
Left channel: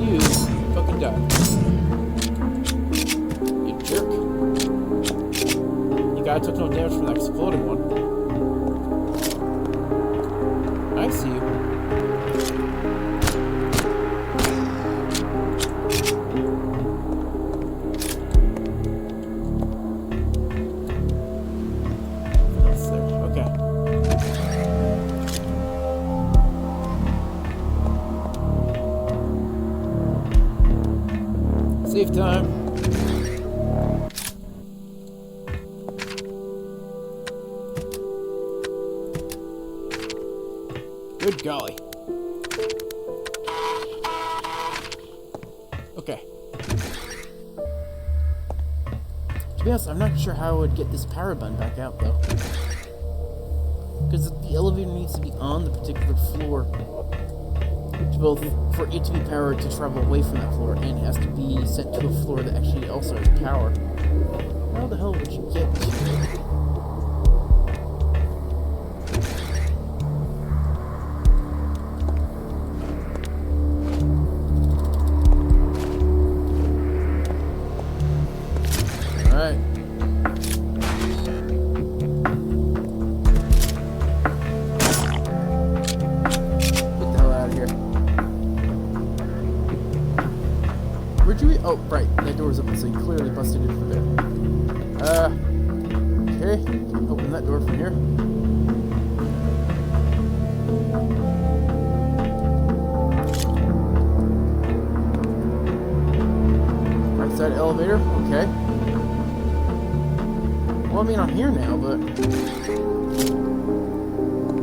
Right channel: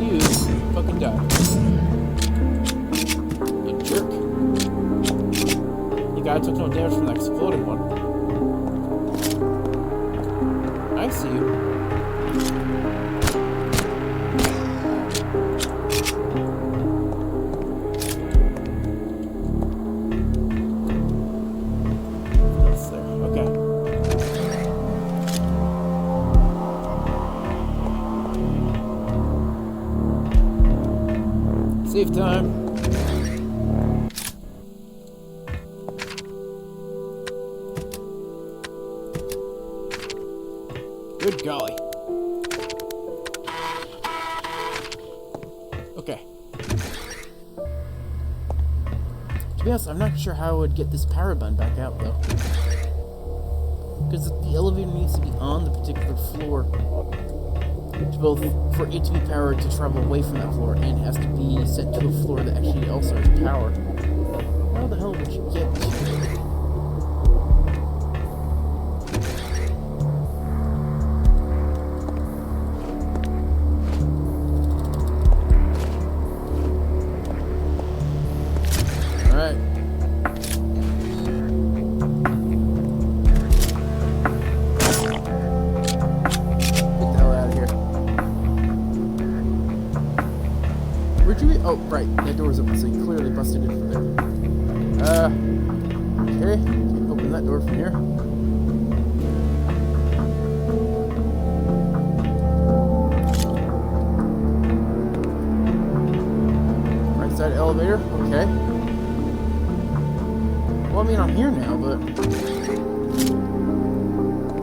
You fucking die. You jerk. You guy took no damage from that exploding one. I see you. Save time. Good golly. Okay. To be honest, I'm not sure how I would get this power button back out, though. Because the elevator needs to be on the particular floor for it to be powered to travel away from that floor, and it has to be sent to a floor that actually also has power. How the hell would you get to it? Alright. Where'd you... Oh, right. That door's open, so you clearly busted in from there. Okay. Can't open that door from here. that elevator? Okay. Well, I mean, I'm here now, but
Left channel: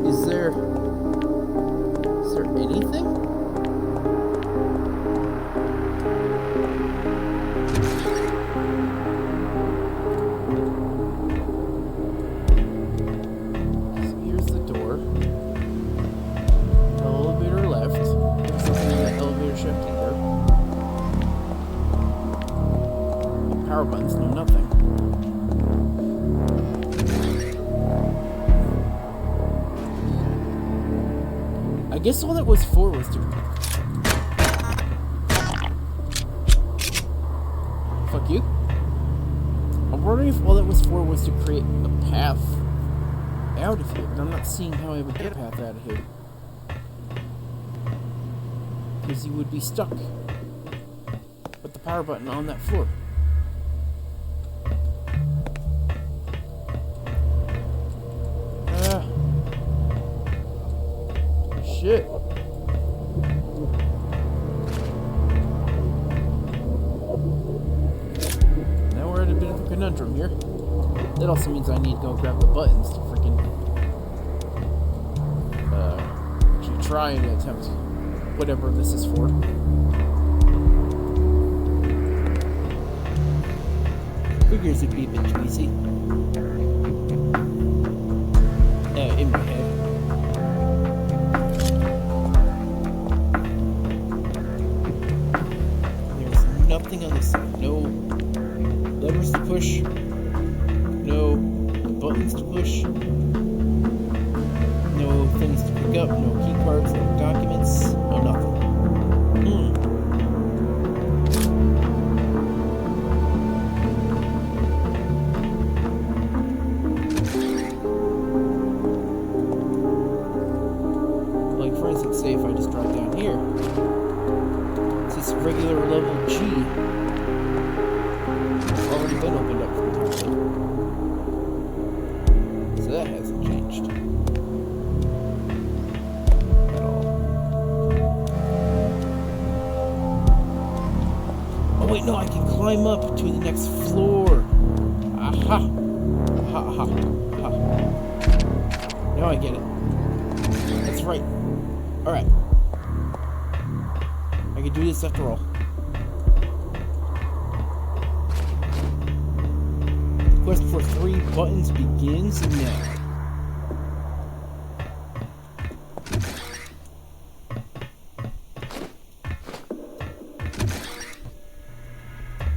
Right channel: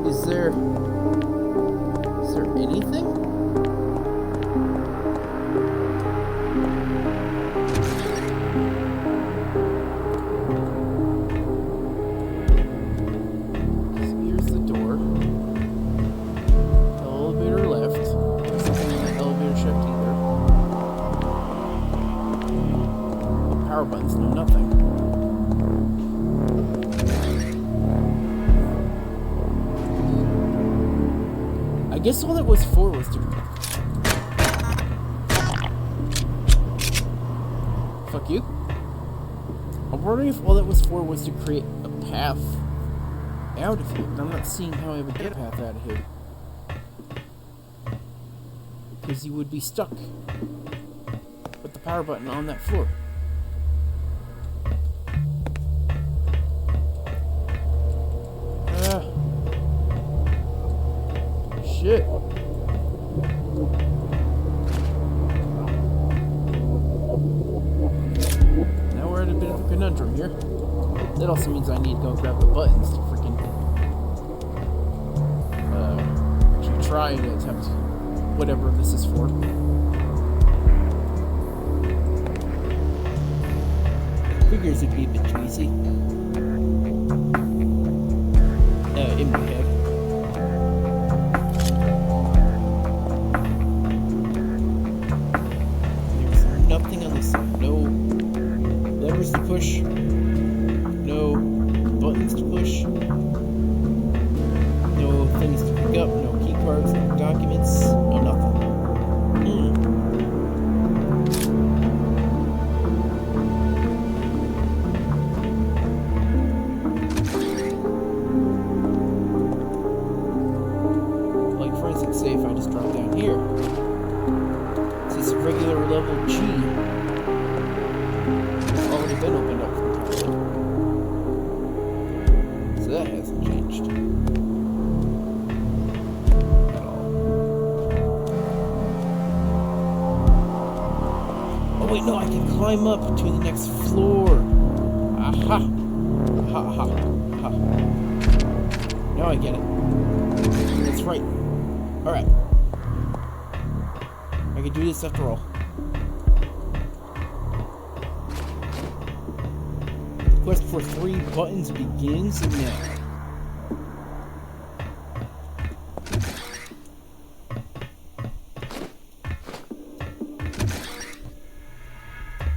is there anything? So here's the door. Elevator left. There's nothing in that elevator shaft either. No power buttons, no nothing. I guess all that was for was to... Fuck you. I'm wondering if all that was for was to create a path out of here, but I'm not seeing how I would get a path out of here. Because you would be stuck with the power button on that floor. Shit. Now we're at a bit of a conundrum here. That also means I need to go grab the buttons to freaking actually try and attempt whatever this is for. Figures it'd be a bit too easy. In my head. Nothing on this side. No levers to push. No buttons to push. No things to pick up. No key cards. No documents. No nothing. Like, for instance, say if I just drop down here. This regular level G has already been opened up entirely. So that hasn't changed at all. Oh wait, no, I can climb up to the next floor. Aha! Ha ha ha. Now I get it. That's right. Alright. I can do this after all. The quest for 3 buttons begins now.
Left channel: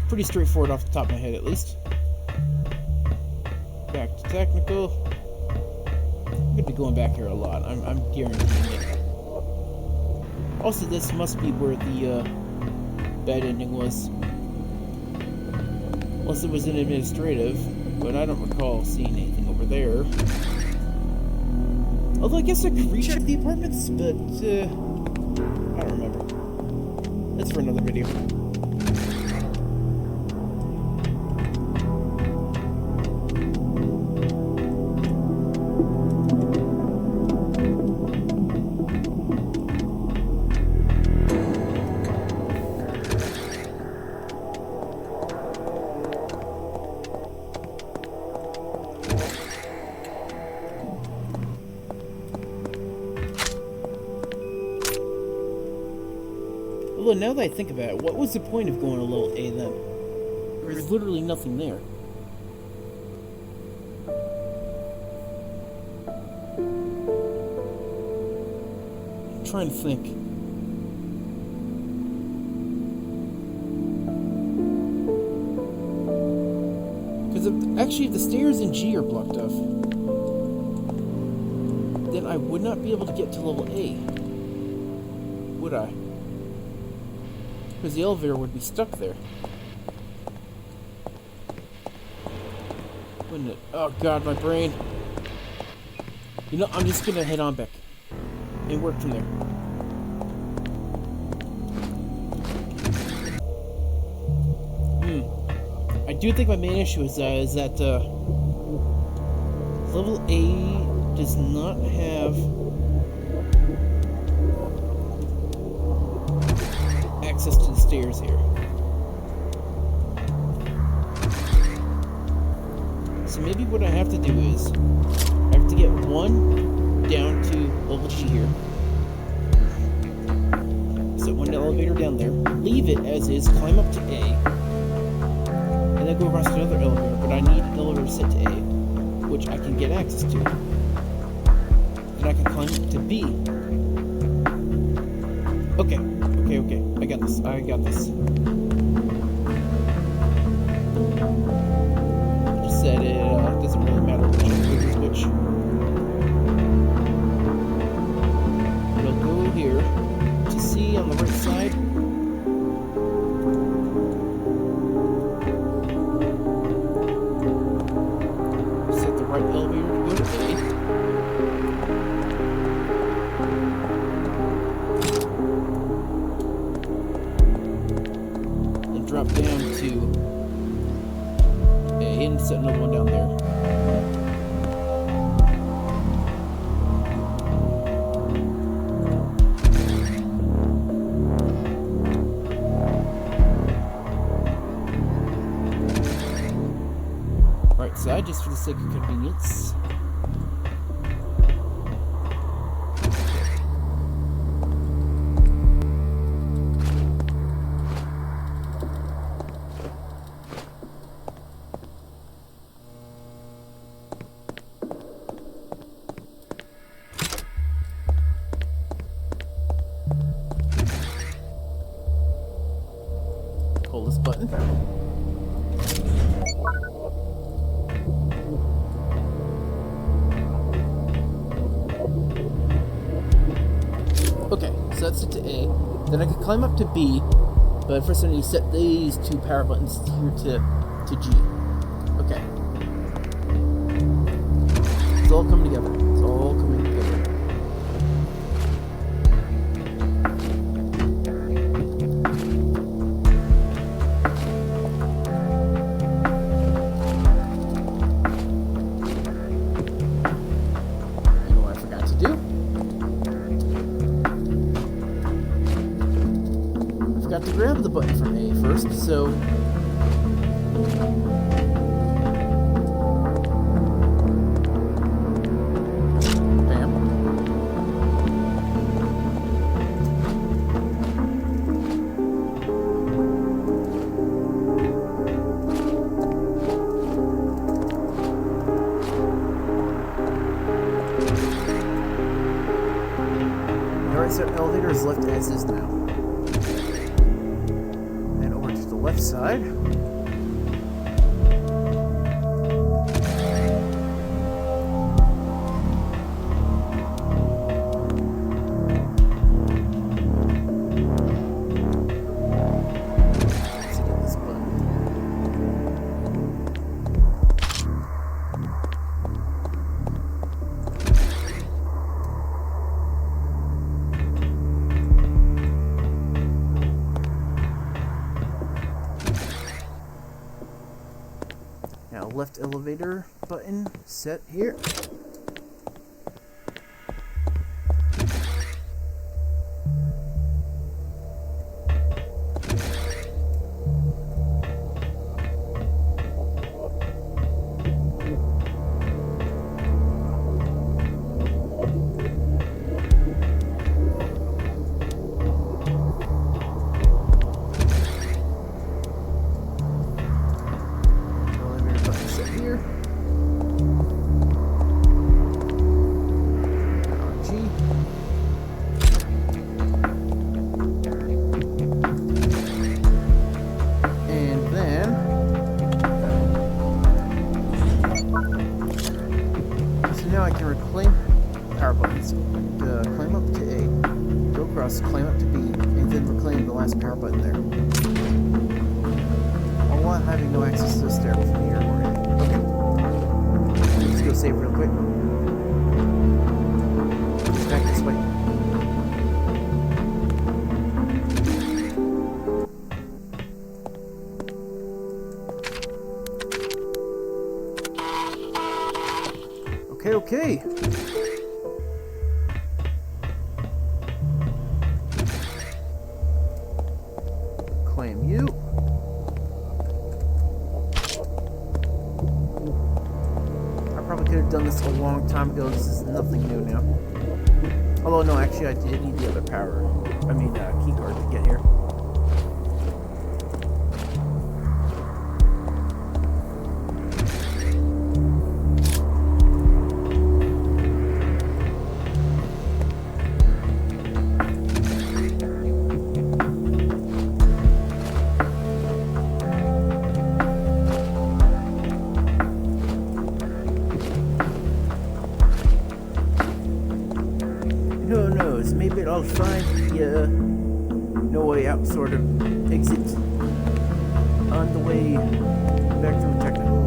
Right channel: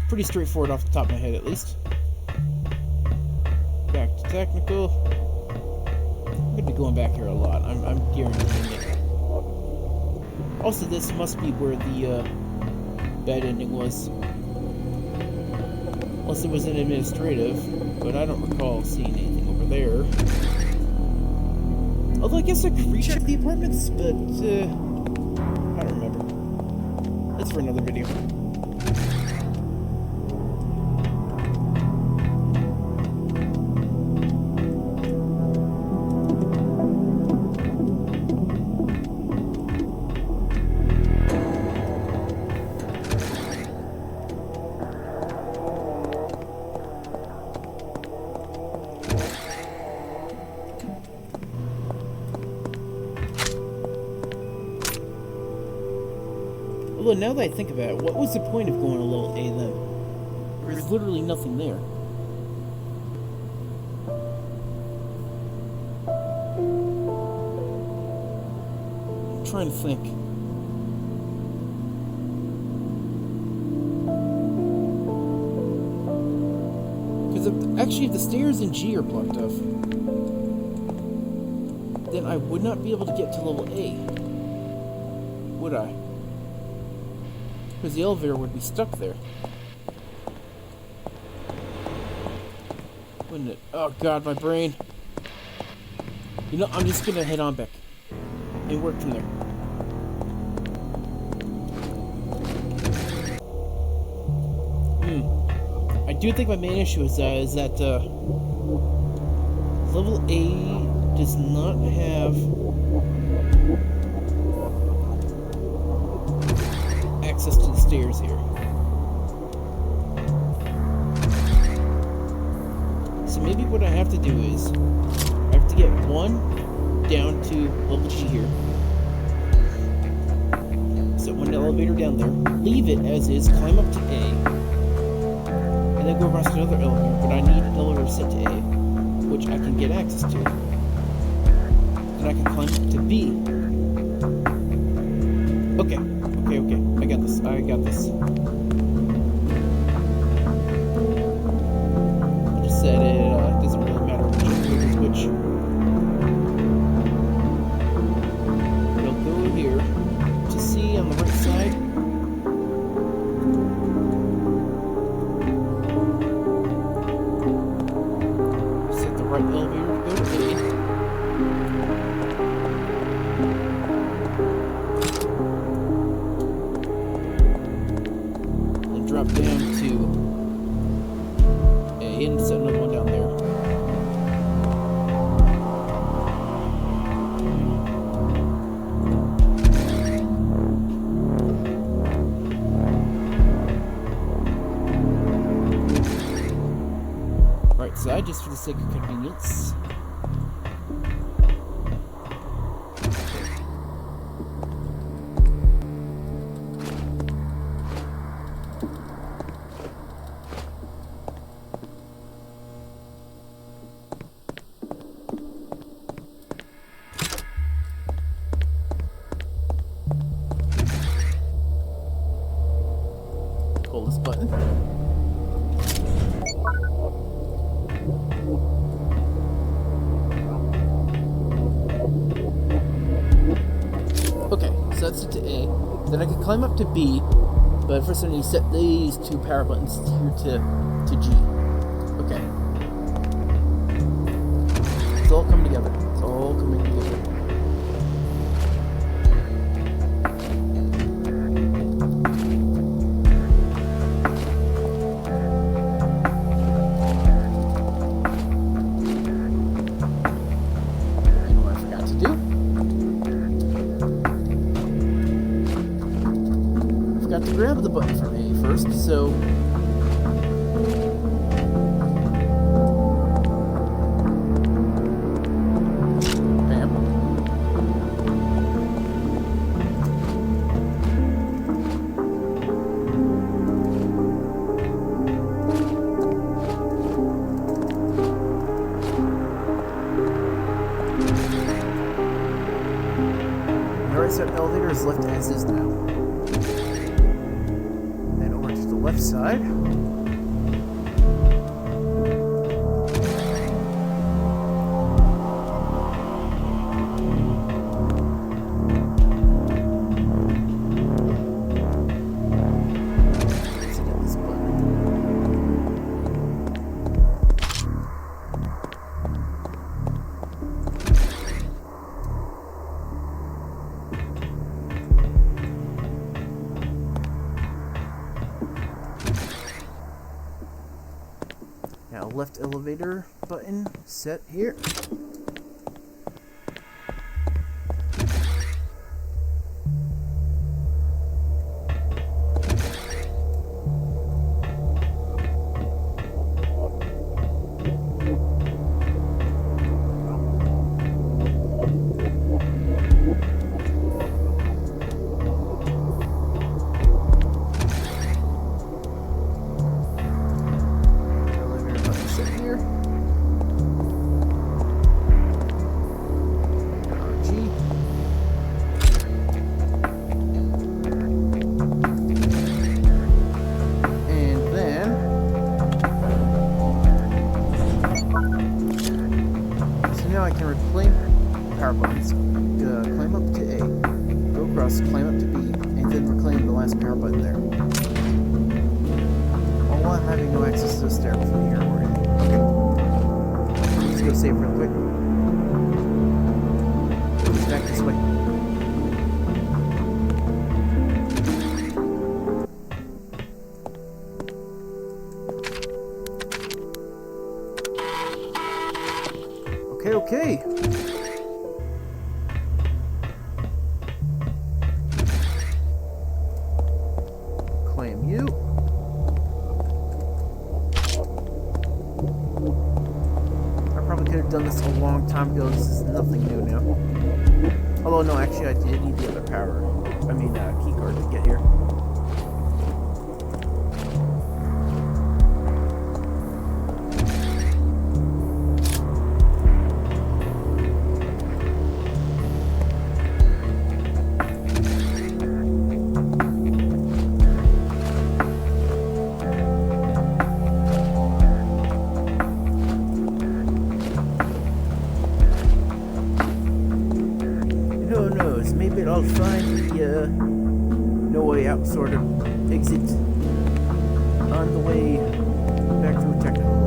Pretty straightforward off the top of my head, at least. Back to technical. I'm gonna be going back here a lot. I'm guaranteeing it. Also, this must be where the bad ending was. Unless it was an administrative, but I don't recall seeing anything over there. Although I guess I could recheck the apartments, but I don't remember. That's for another video. Although now that I think about it, what was the point of going to level A then? There's literally nothing there. I'm trying to think. Because if the stairs in G are blocked off, then I would not be able to get to level A. Would I? Because the elevator would be stuck there. Wouldn't it? Oh god, my brain. You know, I'm just gonna head on back and work from there. I do think my main issue is that level A does not have access to the stairs here. so maybe what I have to do is I have to get one down to level G here. Set one elevator down there, leave it as is, climb up to A, and then go across another elevator, but I need an elevator set to A, which I can get access to. Then I can climb up to B. Okay. I got this. I just said it doesn't really matter which elevator is which. It'll go here to C on the right side. Set the right elevator to go to A. Drop down to A and set another one down there. Right side, just for the sake of convenience. Hold this button. Okay, so that's it to A. Then I can climb up to B, but first I need to set these two power buttons here to G. Okay. It's all coming together. It's all coming together. Got to grab the button from A first, so bam. The right side elevator is left as is now. Left side. Let's get this button. Now left elevator button set here. Now I can reclaim power buttons, climb up to A, go across, climb up to B, and then reclaim the last power button there. All while having no access to the stair from here or anything. Okay. Let's go save real quick. It's back this way. Okay. Claim you. done this a long time ago. This is nothing new now. Although, no, actually, I did need the other key card to get here. Who knows, maybe I'll find the no way out sort of exit on the way back through technical.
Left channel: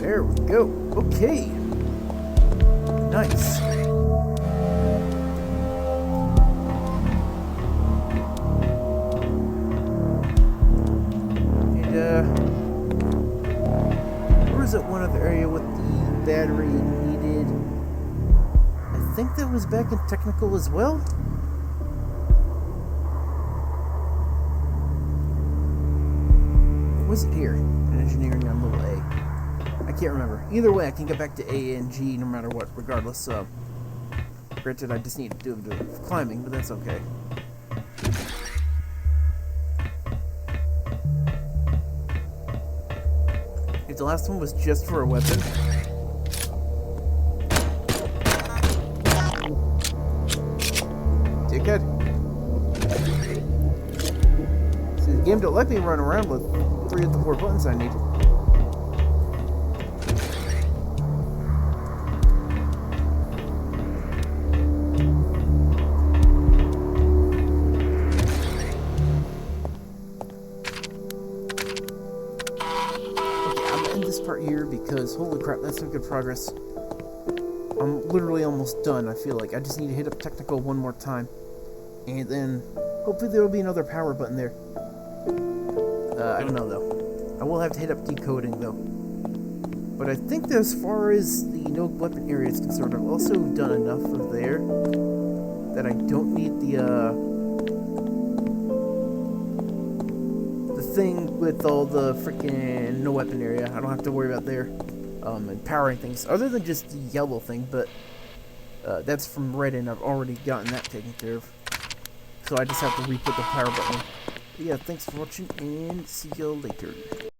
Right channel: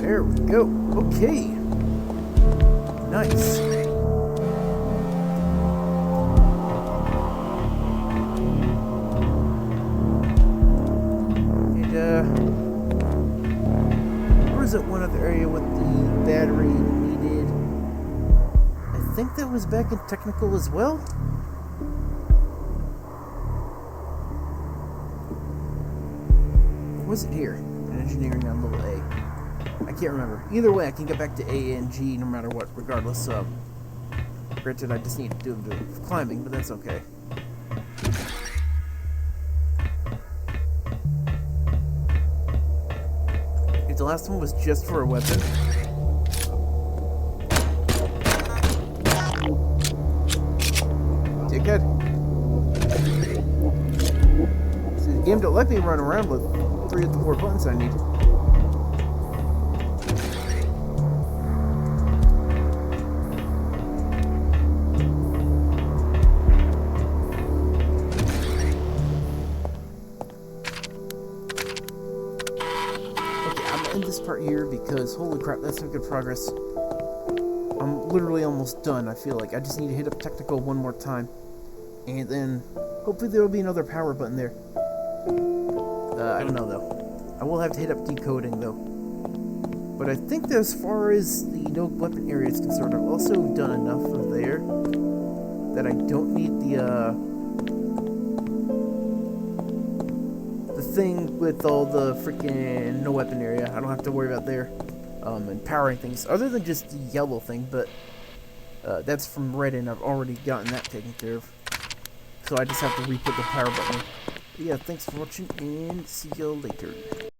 There we go. Okay. Nice. And, where is that one other area with the battery needed? I think that was back in technical as well? Or was it here? In engineering on level A. I can't remember. Either way, I can get back to A and G no matter what, regardless. Granted, I just need to do a bit of climbing, but that's okay. If the last one was just for a weapon. Dickhead. See, the game don't let me run around with 3 of the 4 buttons I need. End this part here because holy crap, that's some good progress. I'm literally almost done. I feel like I just need to hit up technical one more time, and then hopefully there will be another power button there. I don't know though. I will have to hit up decoding though. But I think that as far as the no weapon area is concerned, I've also done enough of there that I don't need the thing with all the freaking no weapon area. I don't have to worry about there and powering things other than just the yellow thing, but that's from red and I've already gotten that taken care of, so I just have to re-put the power button. But yeah, thanks for watching and see you later.